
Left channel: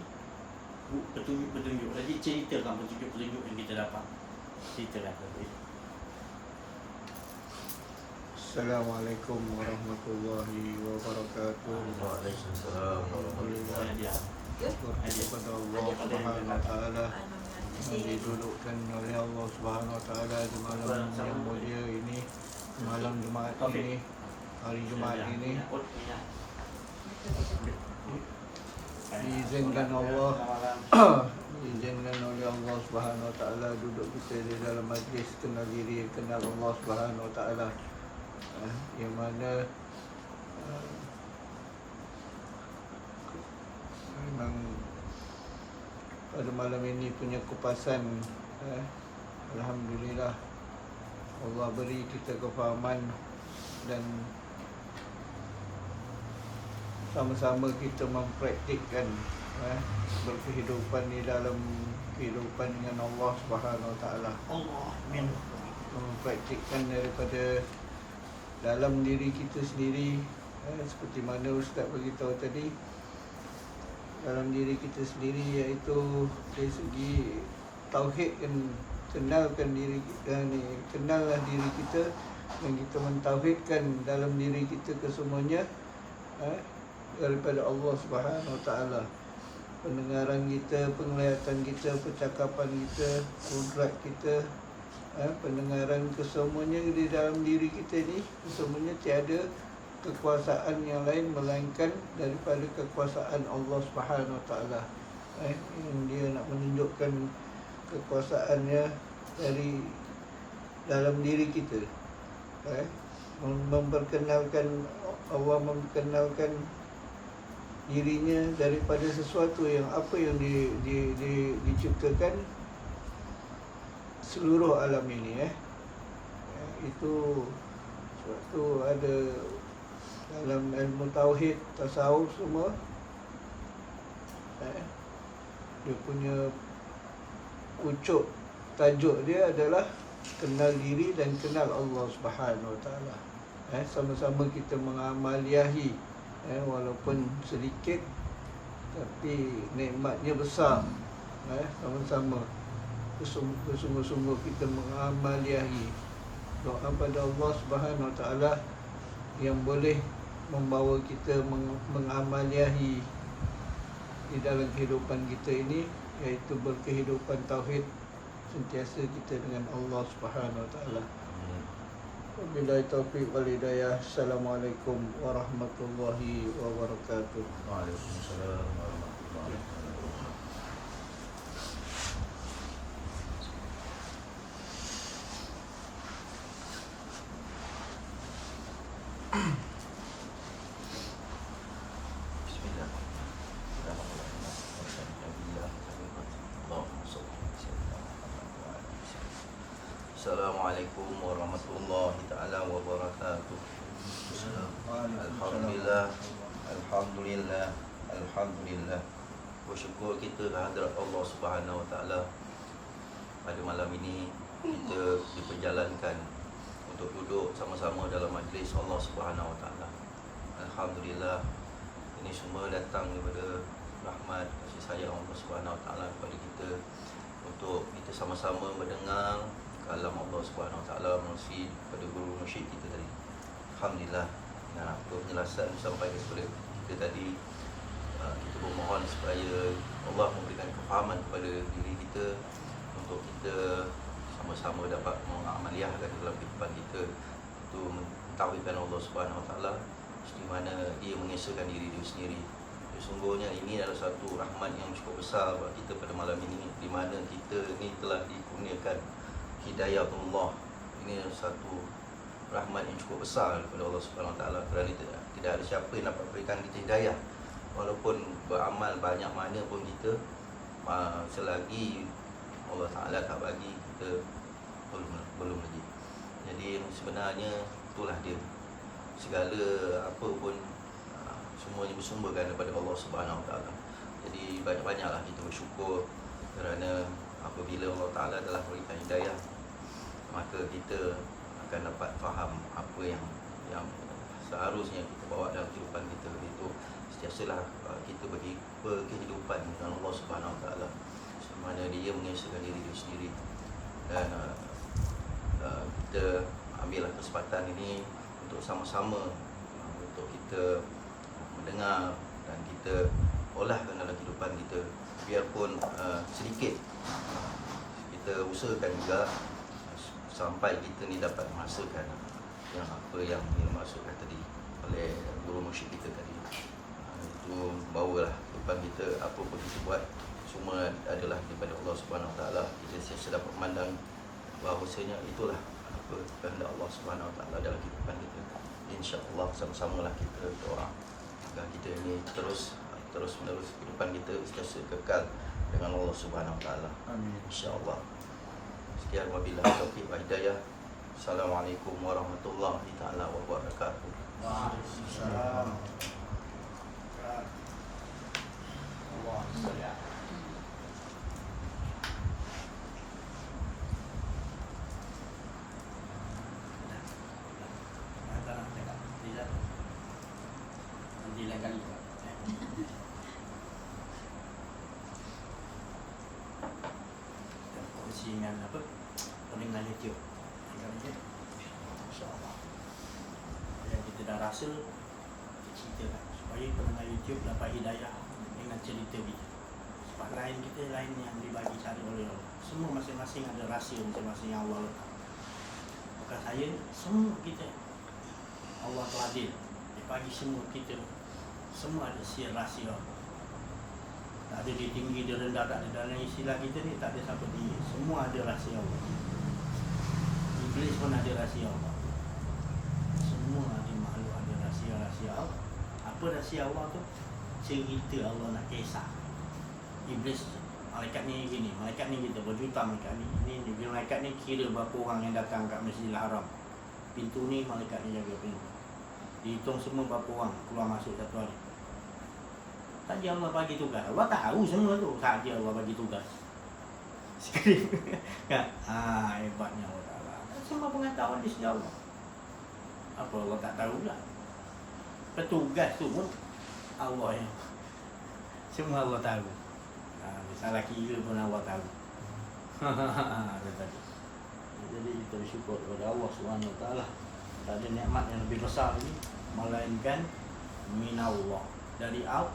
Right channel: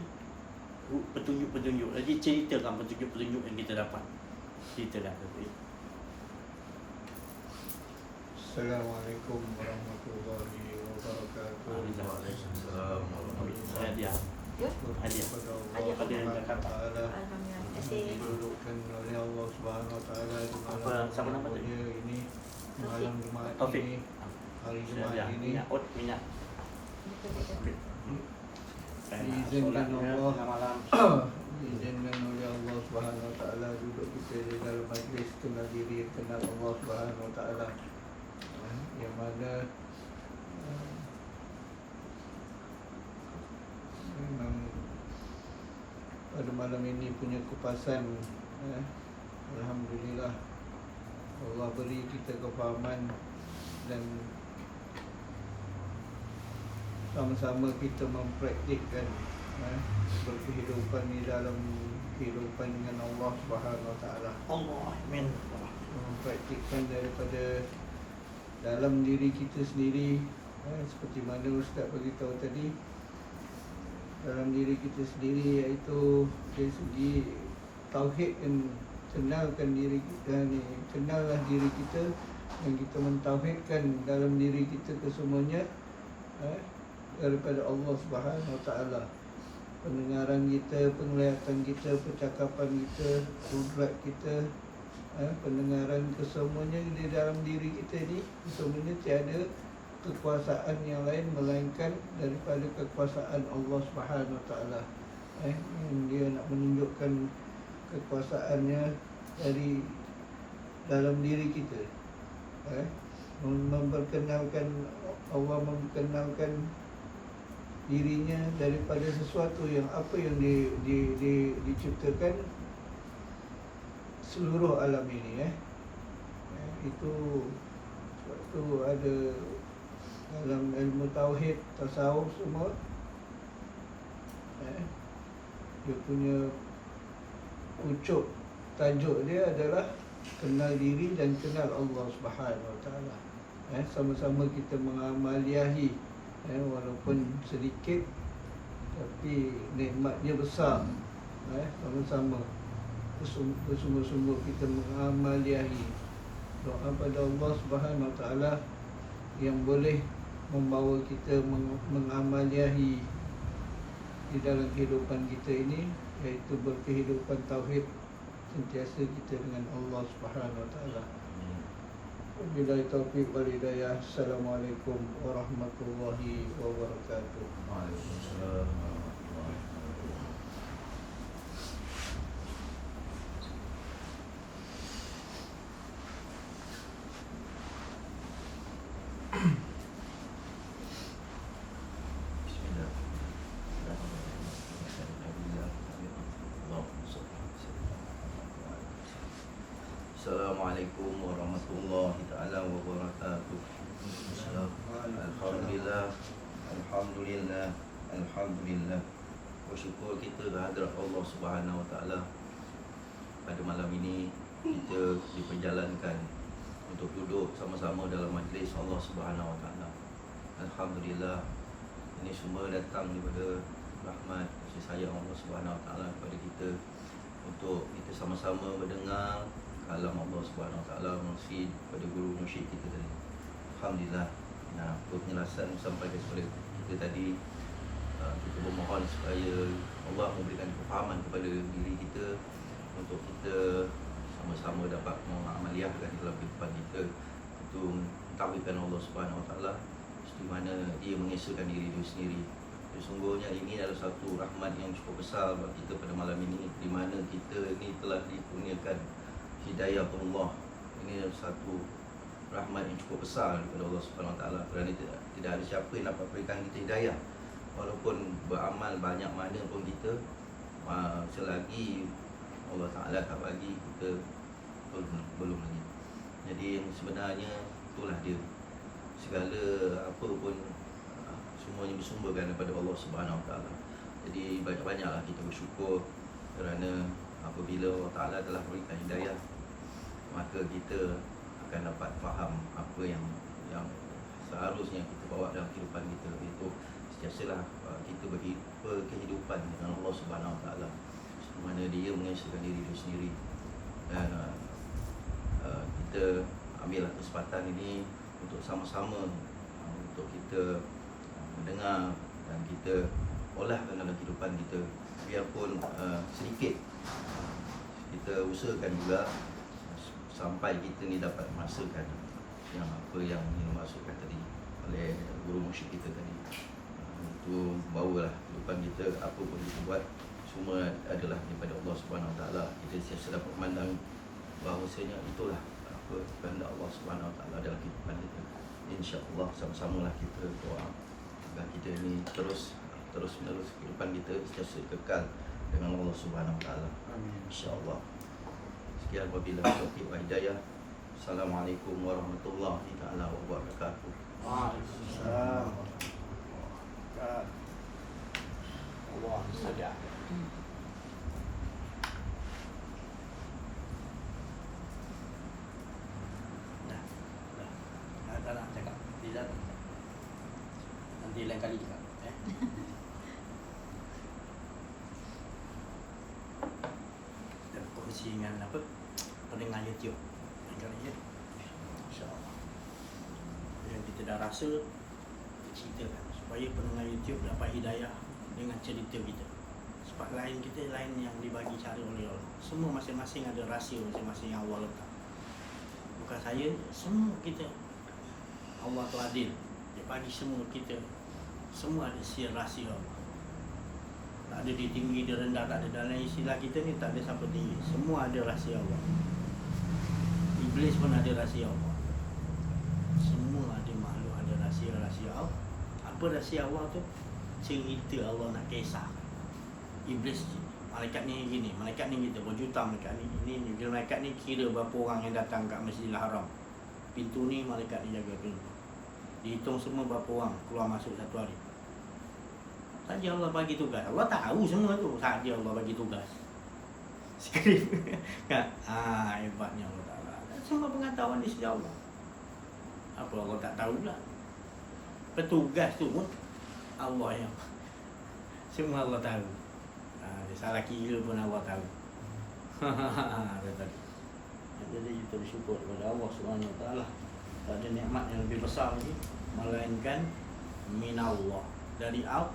petunjuk-petunjuk. Jadi ceritakan petunjuk-petunjuk yang kita dapat. Ceritakan seperti itu. Assalamualaikum warahmatullahi wabarakatuh. Waalaikumsalam warahmatullahi wabarakatuh. Hadiah pada yang Taala didudukkan oleh Allah Subhanahu Wa Taala di malam ini, malam Jumaat ini, hari Jumaat ini. Diizinkan Allah diizinkan oleh Allah Subhanahu Wa Taala duduk kita di dalam majlis kenal diri, kenal Allah Subhanahu Wa Taala, yang mana memang pada malam ini punya kupasan, Alhamdulillah Allah beri kita kefahaman dan sama-sama kita mempraktikkan berkehidupan di dalam kehidupan dengan Allah Subhanahu Wa Taala. Allah, amin. Mempraktikkan daripada dalam diri kita sendiri, seperti mana Ustaz beritahu tadi, dalam diri kita sendiri, iaitu dari segi tauhid, kenalkan diri kita ni, kenallah diri kita dan kita mentauhidkan dalam diri kita kesemuanya daripada Allah Subhanahu Wa Taala. Pendengaran kita, penglihatan kita, percakapan kita, gerak kita, pendengaran kesemuanya di dalam diri kita ni, kesemuanya tiada kekuasaan yang lain melainkan daripada kekuasaan Allah Subhanahu Wa Taala. Dia nak menunjukkan kekuasaannya dari dalam diri kita. Memperkenalkan Allah, memperkenalkan dirinya daripada sesuatu yang apa yang diciptakan seluruh alam ini. Itu suatu ada dalam ilmu tauhid, tasawuf semua, dia punya pucuk tajuk dia adalah kenal diri dan kenal Allah Subhanahu Wa Taala. Sama-sama kita mengamaliahi, walaupun sedikit tapi nikmatnya besar. Sama-sama bersungguh-sungguh kita mengamaliahi. Doa pada Allah Subhanahu Wa Taala yang boleh membawa kita mengamaliahi di dalam kehidupan kita ini, iaitu berkehidupan tauhid, sentiasa kita dengan Allah Subhanahu Wa Taala. Wabillahi taufiq wal hidayah. Assalamualaikum warahmatullahi wabarakatuh. Waalaikumsalam warahmatullahi wabarakatuh. Assalamualaikum warahmatullahi taala wabarakatuh. Alhamdulillah, alhamdulillah, alhamdulillah. Bersyukur kita kehadrat Allah Subhanahu Wa Taala. Pada malam ini kita diperjalankan untuk duduk sama-sama dalam majlis Allah Subhanahu Wa Taala. Alhamdulillah, ini semua datang daripada rahmat kasih sayang Allah Subhanahu Wa Taala kepada kita untuk kita sama-sama mendengar kalam Allah Subhanahu Wa Taala melalui pada guru mursyid kita tadi. Alhamdulillah. Nah, penjelasan sampai kepada kita tadi, kita bermohon supaya Allah memberikan kefahaman kepada diri kita untuk kita sama-sama dapat mengamaliahkan dalam kehidupan kita untuk mentauhidkan Allah Subhanahu Wa Taala di mana Dia mengesahkan diri Dia sendiri. Sesungguhnya ini adalah satu rahmat yang cukup besar bagi kita pada malam ini, di mana kita ini telah dikurniakan hidayah Allah. Ini satu rahmat yang cukup besar daripada Allah Subhanahu Wa Taala, kerana tidak ada siapa yang dapat berikan kita hidayah walaupun beramal banyak mana pun kita, selagi Allah Taala tak bagi kita belum lagi. Jadi sebenarnya itulah dia, segala apa pun semuanya bersumberkan daripada Allah Subhanahu Wa Taala. Jadi banyak-banyaklah kita bersyukur kerana apabila Allah Taala telah berikan hidayah, maka kita akan dapat faham apa yang seharusnya kita bawa dalam kehidupan kita. Itu sentiasalah kita bagi kehidupan dengan Allah Subhanahu Wa Taala, di mana Dia mengesahkan diri Dia sendiri. Dan kita ambillah kesempatan ini untuk sama-sama untuk kita mendengar dan kita olahkan dalam kehidupan kita, biarpun sedikit. Kita usahakan juga sampai kita ni dapat merasakan yang apa yang dimaksudkan tadi oleh guru mursyid kita tadi. Itu bawalah kehidupan kita, apa pun kita buat semua adalah daripada Allah Subhanahu Wa Taala. Kita sentiasa dapat memandang bahawasanya itulah apa kehendak Allah Subhanahu Wa Taala dalam kehidupan kita. InsyaAllah sama-samalah kita doa agar kita ini terus menerus kehidupan kita sentiasa kekal dengan Allah Subhanahu Wa Taala. Amin. InsyaAllah. Sekian wabillahi taufiq wa hidayah. Assalamualaikum warahmatullahi taala wabarakatuh. Waalaikumsalam. Allah sedap. Tak nak cakap. Tidak. Nanti lain kali cakap. Dan kongsi dengan apa? Pendengar YouTube. Lain kali je. InsyaAllah. Yang kita dah rasa, ceritakan supaya pendengar YouTube dapat hidayah dengan cerita kita. Sebab lain kita lain yang dibagi cara oleh Allah. Semua masing-masing ada rahsia masing-masing yang Allah letak. Bukan saya, semua kita Allah telah adil. Dia bagi semua kita, semua ada rahsia Allah. Tak ada dia tinggi, dia rendah, tak ada. Dalam istilah kita ni tak ada siapa tinggi. Semua ada rahsia Allah. Iblis pun ada rahsia Allah. Semua ada makhluk ada rahsia-rahsia Allah. Apa rahsia Allah tu? Cerita Allah nak kisah. Iblis, malaikat ni gini, malaikat ni kita berjuta malaikat ni. Ini malaikat ni kira berapa orang yang datang kat Masjidil Haram. Pintu ni malaikat ni jaga pintu. Dihitung semua berapa orang keluar masuk satu hari. Saja Allah bagi tugas. Allah tahu semua tu. Saja Allah bagi tugas. Sekali. Kan? Hebatnya Allah Ta'ala. Semua pengetahuan di sisi Allah. Apa Allah tak tahu lah. Petugas tu pun Allah yang semua Allah tahu. Salah kira pun Allah tahu. Jadi kita bersyukur kepada Allah Subhanahu Wa Taala. Tak ada nikmat yang lebih besar lagi melainkan minallah, dari Allah.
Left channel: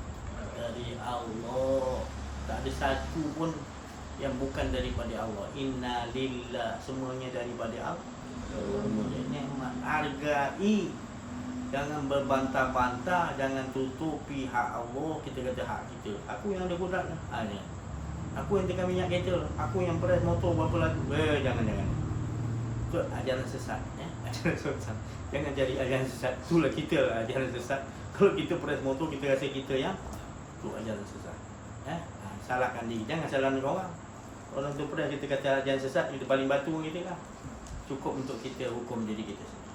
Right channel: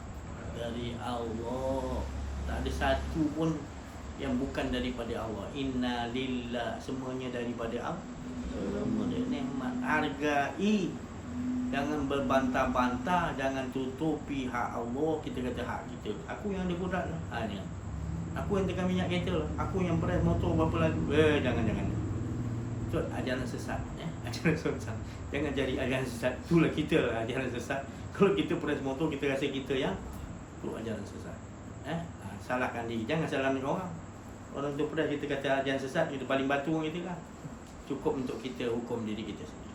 Tak ada satu pun yang bukan daripada Allah. Inna lillah, semuanya daripada Allah. Nikmat, hargai. Jangan berbantah-bantah, jangan tutupi hak Allah. Kita kata hak kita. Aku yang ada kudrat lah. Aku yang tekan minyak kereta lah. Aku yang press motor berapa lagu. Jangan. Itu ajaran sesat. Ajaran sesat. Jangan jadi ajaran sesat. Itulah kita lah ajaran sesat. Kalau kita press motor, kita rasa kita yang itu ajaran sesat. Salahkan diri. Jangan salahkan orang. Orang tu press kita kata ajaran sesat, kita paling batu orang kita kan. cukup untuk kita hukum diri kita sendiri.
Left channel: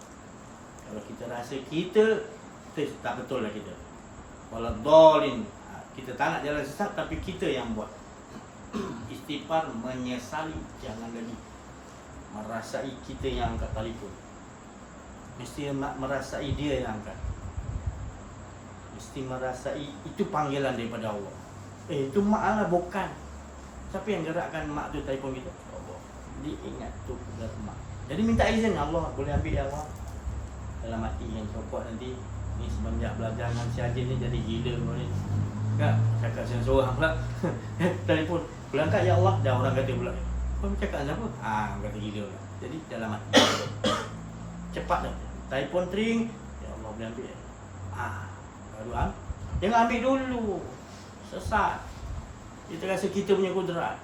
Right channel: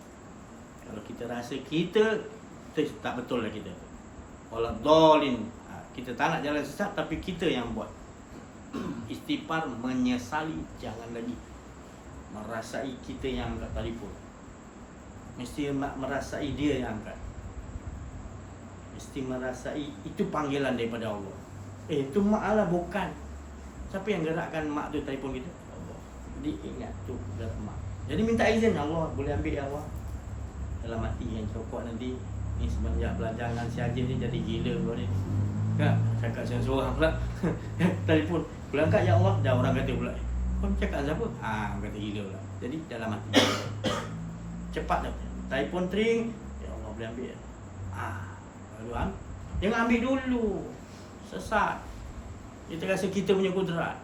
Kalau kita rasa kita tak betul lah kita, waladhalin, kita tak nak jalan sesat tapi kita yang buat. Istighfar, menyesali, jangan lagi merasai kita yang angkat telefon. Mesti merasai dia yang angkat. Mesti merasai itu panggilan daripada Allah. Itu mak Allah bukan. Siapa yang gerakkan mak tu telefon kita? Allah. Jadi ingat tu gerak mak. Jadi minta izin Allah, boleh ambil ya Allah. Dalam hati yang cokok nanti ni semenjak belajar dengan si Haji ni jadi gila kau ni. Kan? Cakap seorang pula. Telefon. Pulang angkat ya Allah, dah orang kata pula. Kau cakap siapa? Orang kata gila pula. Jadi dalam hati. Cepat dah. Telefon ring, ya Allah boleh ambil. Baru ambil. Jangan ambil dulu. Sesat. Kita rasa kita punya kudrat.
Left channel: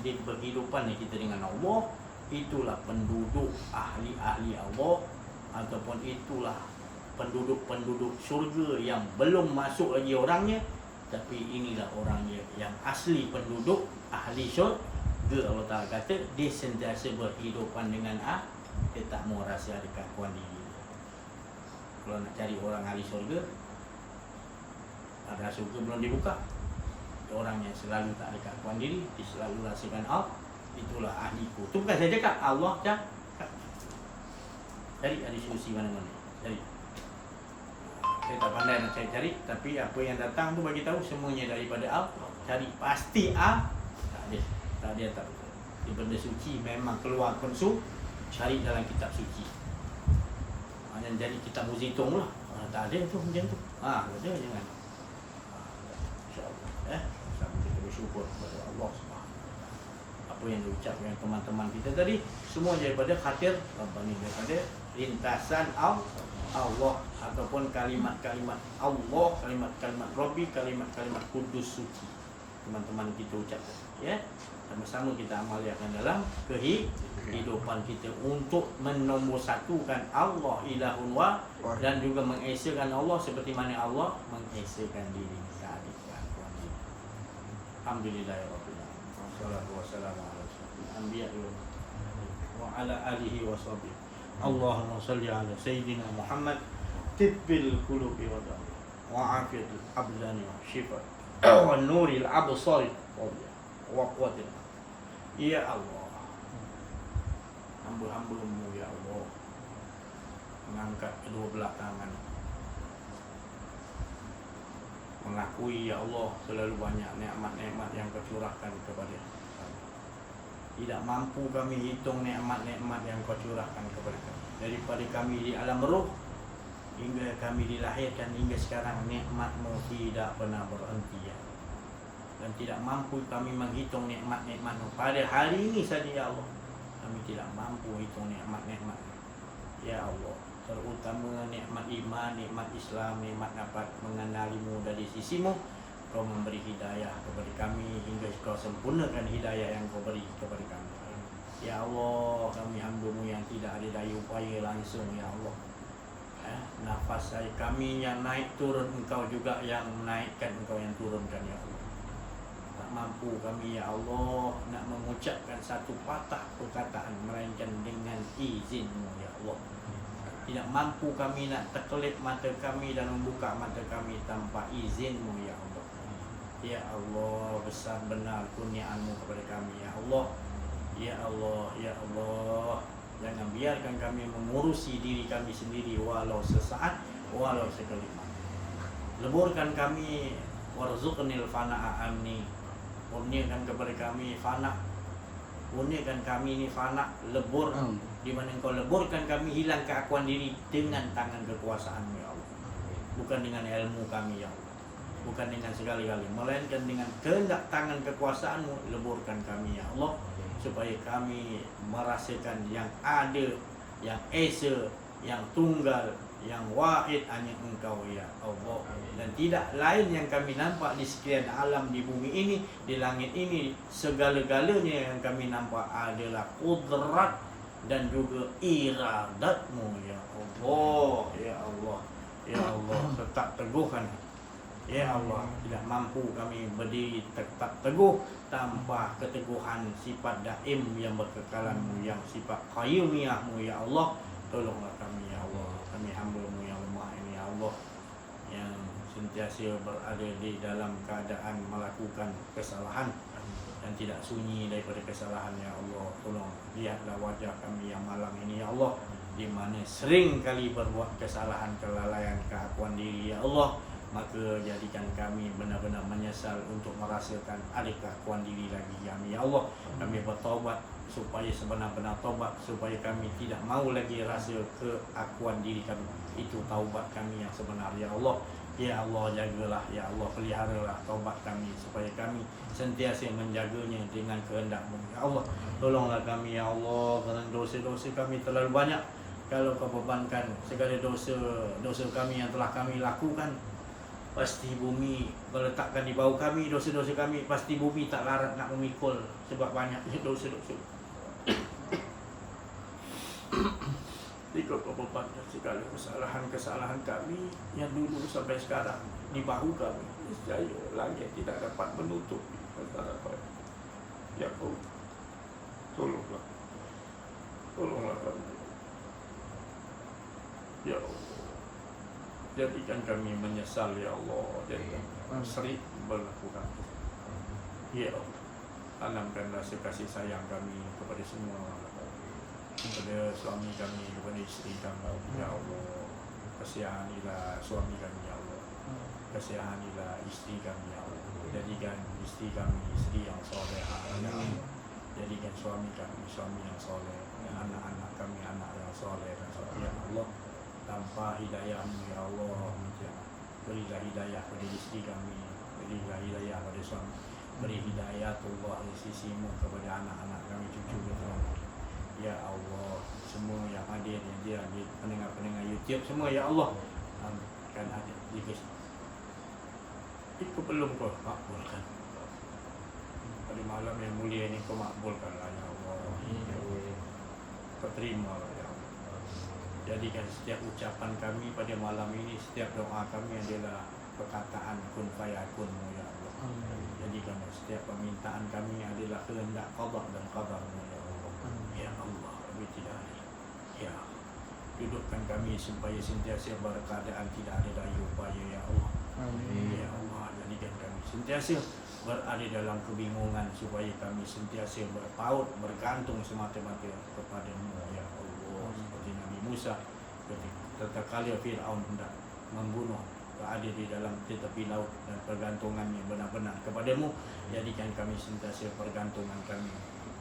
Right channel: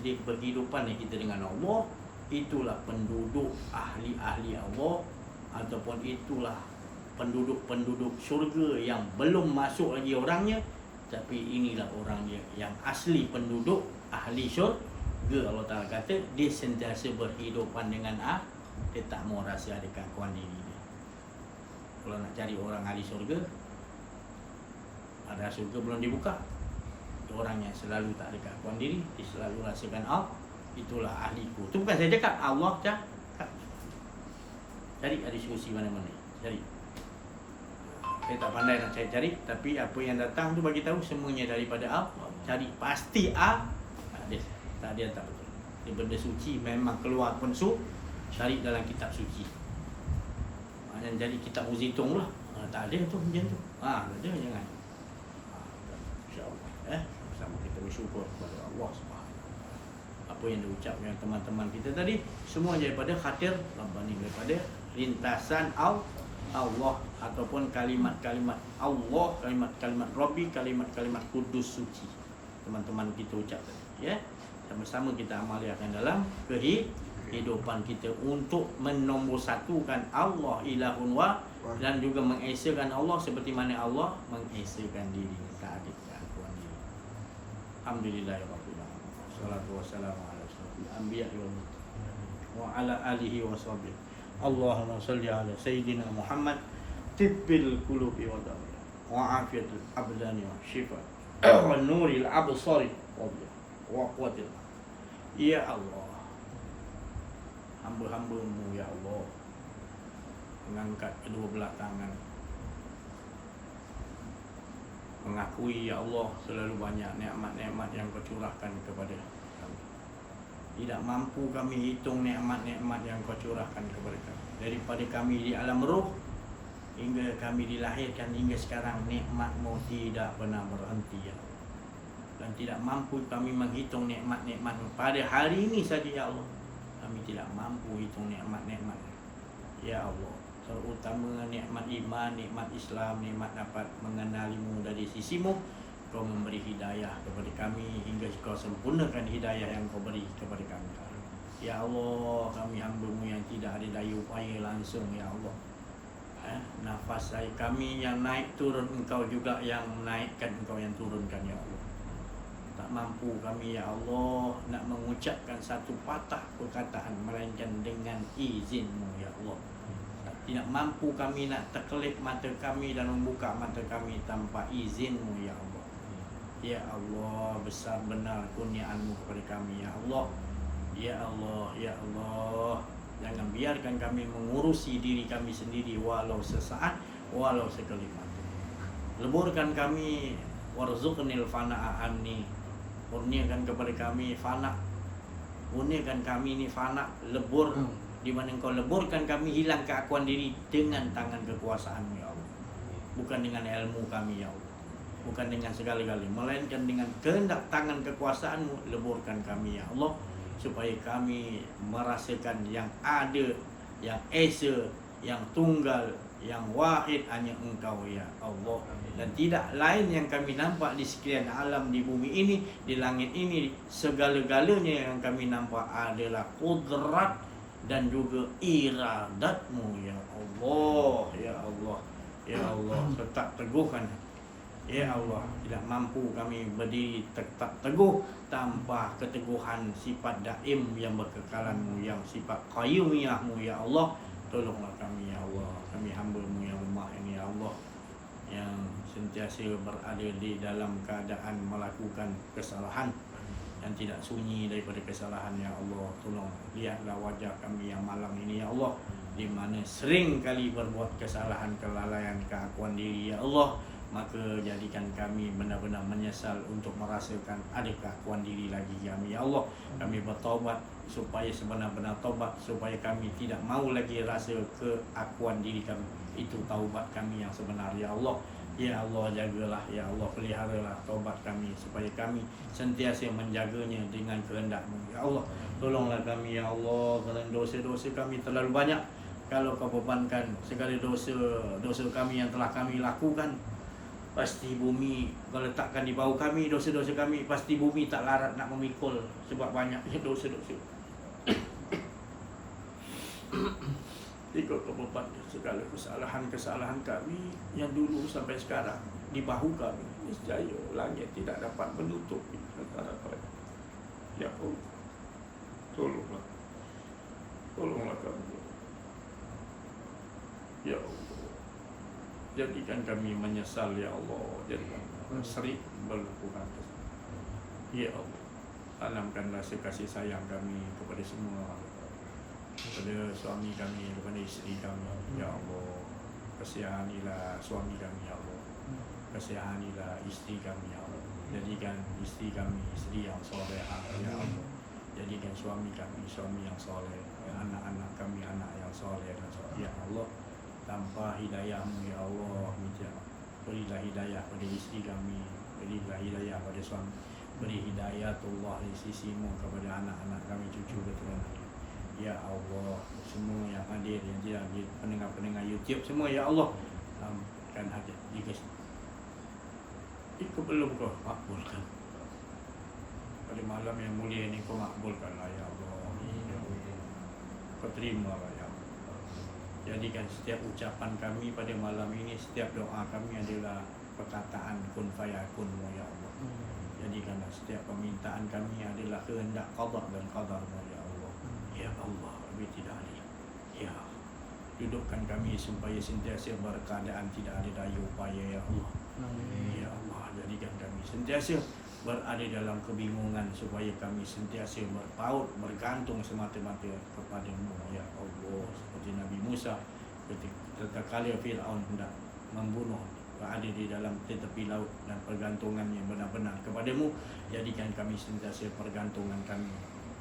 Jadi berkehidupan kita dengan Allah, itulah penduduk ahli-ahli Allah, ataupun itulah penduduk-penduduk syurga yang belum masuk lagi orangnya, tapi inilah orang dia yang asli penduduk ahli syurga. Allah Ta'ala kata dia sentiasa berhidupan dengan dia tak mau rasa ada keakuan diri dia. Kalau nak cari orang ahli syurga, ada syurga belum dibuka, orang yang selalu tak ada keakuan diri, dia selalu rasakan itulah ahliku. Itu bukan saya cakap, Allah cakap. Cari ada diskusi mana-mana. Cari. Saya tak pandai nak cari, tapi apa yang datang tu bagi tahu semuanya daripada Allah. Cari pasti tak ada tak betul. Dia benda suci memang keluar pun cari dalam kitab suci. Jangan jadi kitab muzitung lah. Tak ada tu macam tu. Ada jangan. InsyaAllah sama kita bersyukur kepada Allah Subhanahu Wa Taala. Apa yang diucapkan teman-teman kita tadi semua daripada khatir Rabbani, daripada lintasan Allah ataupun kalimat-kalimat Allah, kalimat-kalimat Rabbi, kalimat-kalimat kudus suci teman-teman kita ucapkan. Sama-sama kita amalkan dalam kehidupan kita untuk menomorsatukan Allah ilahun wa, dan juga mengesakan Allah seperti mana Allah mengesakan diri. Tak ada keakuan diri. Alhamdulillahirabbil alamin. Wassalatu wassalamu ala asyrofil anbiya'i wa ala alihi wa sahbihi. Allahumma salli ala sayyidina Muhammad tibbil qulubi wa da'i wa afiyatul abdani wa shifa wa nuril absari wa quwwatil. Ya Allah, hamba-hamba-Mu ya Allah mengangkat kedua belah tangan, mengakui ya Allah selalu banyak nikmat-nikmat yang Kau curahkan kepada kami. Tidak mampu kami hitung nikmat-nikmat yang Kau curahkan kepada kami. Daripada kami di alam roh hingga kami dilahirkan hingga sekarang, nikmat-Mu tidak pernah berhenti ya Allah. Dan tidak mampu kami menghitung nikmat-nikmat-Mu. Pada hari ini saja ya Allah, kami tidak mampu hitung nikmat-nikmat. Ya Allah, terutama nikmat iman, nikmat Islam, nikmat dapat mengenali-Mu dari sisi-Mu. Kau memberi hidayah kepada kami hingga Kau sempurnakan hidayah yang Kau beri kepada kami. Ya Allah, kami hamba-Mu yang tidak ada daya upaya langsung ya Allah. Nafas saya kami yang naik turun, Engkau juga yang menaikkan, Engkau yang turunkan ya Allah. Tak mampu kami ya Allah nak mengucapkan satu patah perkataan melainkan dengan izin-Mu ya Allah. Tidak mampu kami nak terkelip mata kami dan membuka mata kami tanpa izin-Mu ya Allah. Ya Allah, besar benar kurniaan-Mu kepada kami ya Allah. Ya Allah, ya Allah, jangan biarkan kami mengurusi diri kami sendiri walau sesaat, walau sekelip mata. Leburkan kami, warzuqnil fana'a amni. Kurniakan kepada kami fana. Kurniakan kami ni fana, lebur. Di mana Engkau leburkan kami hilang keakuan diri dengan tangan kekuasaan-Mu ya Allah. Bukan dengan ilmu kami ya Allah, bukan dengan segala-galanya, melainkan dengan kehendak tangan kekuasaan-Mu. Leburkan kami ya Allah, supaya kami merasakan yang ada, yang esa, yang tunggal, yang wahid hanya Engkau ya Allah. Dan tidak lain yang kami nampak di sekalian alam di bumi ini, di langit ini. Segala-galanya yang kami nampak adalah kudrat dan juga iradat-Mu ya Allah. Ya Allah, ya Allah, tetap teguhkan Ya Allah, tidak mampu kami berdiri tetap teguh tanpa keteguhan sifat daim yang berkekalan-Mu, yang sifat qayyumiyah-Mu ya Allah. Tolonglah kami ya Allah, kami hamba-Mu yang lemah ini ya Allah, yang sentiasa berada di dalam keadaan melakukan kesalahan dan tidak sunyi daripada kesalahan ya Allah. Tolong lihatlah wajah kami yang malam ini ya Allah, di mana sering kali berbuat kesalahan, kelalaian, keakuan diri ya Allah. Maka jadikan kami benar-benar menyesal untuk merasakan ada keakuan diri lagi kami ya Allah. Kami bertaubat supaya sebenar-benar taubat, supaya kami tidak mau lagi rasa keakuan diri kami. Itu taubat kami yang sebenar ya Allah. Ya Allah, jagalah ya Allah, peliharalah taubat kami supaya kami sentiasa menjaganya dengan kehendak-Mu ya Allah. Tolonglah kami ya Allah, kerana dosa-dosa kami terlalu banyak. Kalau Kau bebankan segala dosa kami yang telah kami lakukan, pasti bumi meletakkan di bawah kami dosa-dosa kami, pasti bumi tak larat nak memikul sebab banyaknya dosa-dosa. Jika Kau bebankan segala kesalahan-kesalahan kami yang dulu sampai sekarang di bahu kami, nescaya langit tidak dapat menutupi antara kami. Ya Allah, tolonglah kami ya Allah. Jadikan kami menyesal ya Allah, jadikan sering melakukan kesalahan ya Allah. Tanamkan rasa kasih sayang kami kepada semua, kepada suami kami, kepada isteri kami ya Allah. Kasihanilah suami kami ya Allah, kasihanilah isteri kami ya Allah. Jadikan isteri kami isteri yang solehah ya Allah. Jadikan suami kami suami yang soleh, dan anak-anak kami anak yang soleh dan soleh ya Allah. Tanpa hidayah-Mu ya Allah, berilah hidayah pada isteri kami, berilah hidayah pada suami, beri hidayatullah di sisi-Mu kepada anak-anak kami, cucu keturunan ya Allah. Semua yang hadir, yang tidak hadir, pendengar-pendengar YouTube semua ya Allah, kan hajat jika belum Kau makbulkan pada malam yang mulia ini, Kau makbulkanlah ya Allah. Kau terimalah ya Allah. Jadikan setiap ucapan kami pada malam ini, setiap doa kami adalah perkataan kun fayakun-Mu ya Allah. Jadikan setiap permintaan kami adalah kehendak qada dan qadar-Mu ya Allah. Ya Allah, lebih tidak adil ya Allah. Dudukkan kami supaya sentiasa berkeadaan tidak ada daya upaya ya Allah. Ya Allah, jadikan kami sentiasa berada dalam kebingungan, supaya kami sentiasa berpaut, bergantung semata-mata kepada-Mu ya Allah. Seperti Nabi Musa ketika kali Fir'aun hendak membunuh, berada di dalam tepi laut, dan pergantungannya benar-benar kepada-Mu. Jadikan kami sentiasa pergantungan kami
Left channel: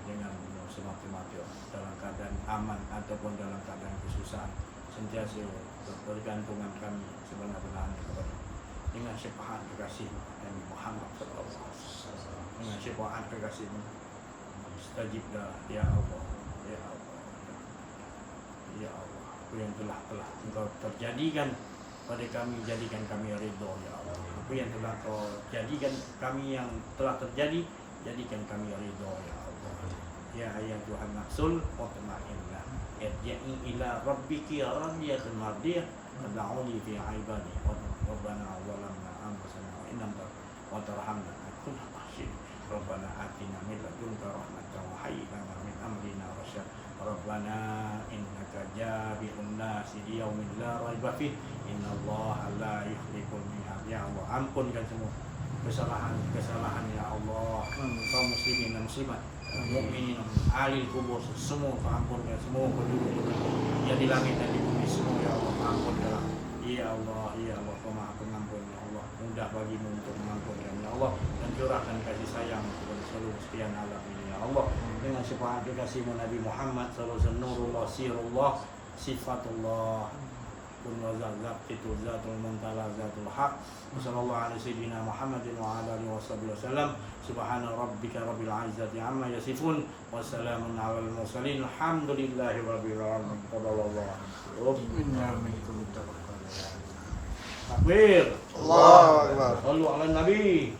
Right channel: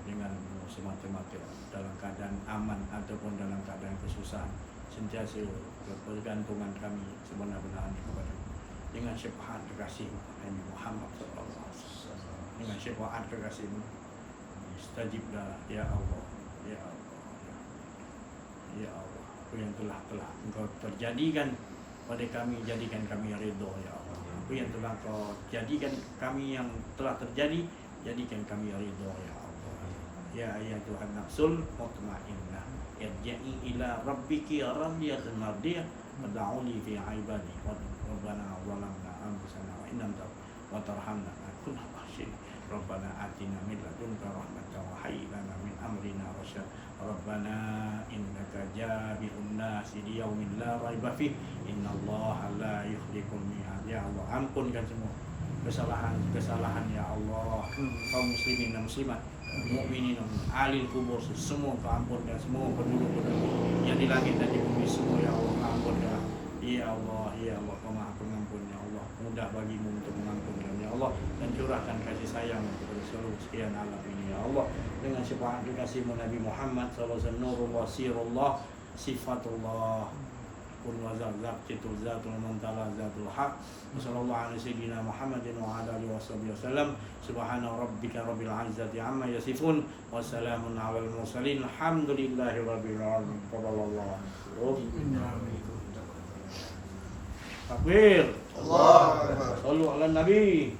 dengan-Mu semata-mata, dalam keadaan aman ataupun dalam keadaan kesusahan. Sentiasa pergantungan kami sebenar-benarnya kepada-Mu. Dengan syafaat kekasih-Mu Nabi Muhammad sallallahu alaihi wasallam, dengan syafaat kekasih-Mu, istajiblah ya Allah ya Allah ya Allah. Apa yang telah Engkau terjadikan pada kami, jadikan kami ridha ya Allah. Apa yang telah Engkau jadikan kami yang telah terjadi, jadikan kami ridha ya Allah. Ya ayyatuhan nafsul mutmainnah, irji'i ila rabbiki radiyatan mardiyah, fad'uni fi 'ibadi rabbana zalamna anfusana wa in lam taghfir wa tarhamna lakunanna khashi'in. Rabbana atina min ladunka rahmatan wa hayyi lana min amrina rasyad. Rabbana innaka jami'un nasi li yaumin la raiba fih, innallaha la yukhliful mi'ad. Ya Allah, ampunkan semua kesalahan ya Allah, kaum muslimin dan muslimat, mukminin dan ahli kubur semua Kau ampunkan, semua penduduk-penduduk yang di langit dan di bumi semua ya Allah, ampunkanlah ya Allah. Ya Allah, Kau Maha Pengampun ya Allah, mudah bagi-Mu untuk mengampunkan ya Allah, dan curahkan kasih sayang kepada seluruh sekian alam ini ya Allah. Dengan syafaat kekasih-Mu Nabi Muhammad sallallahu alaihi wasallam, nurullah, sirullah, sifatullah, kun wa zatu zatul muntala zatul haq. Wassallallahu ala sayyidina Muhammadin wa ala alihi wasallam. Subhana rabbika rabbil izzati amma yasifun, wassalamun alal mursalin, alhamdulillahi rabbil alamin. Taballallah. Takbir. Allah. Sallu ala nabi.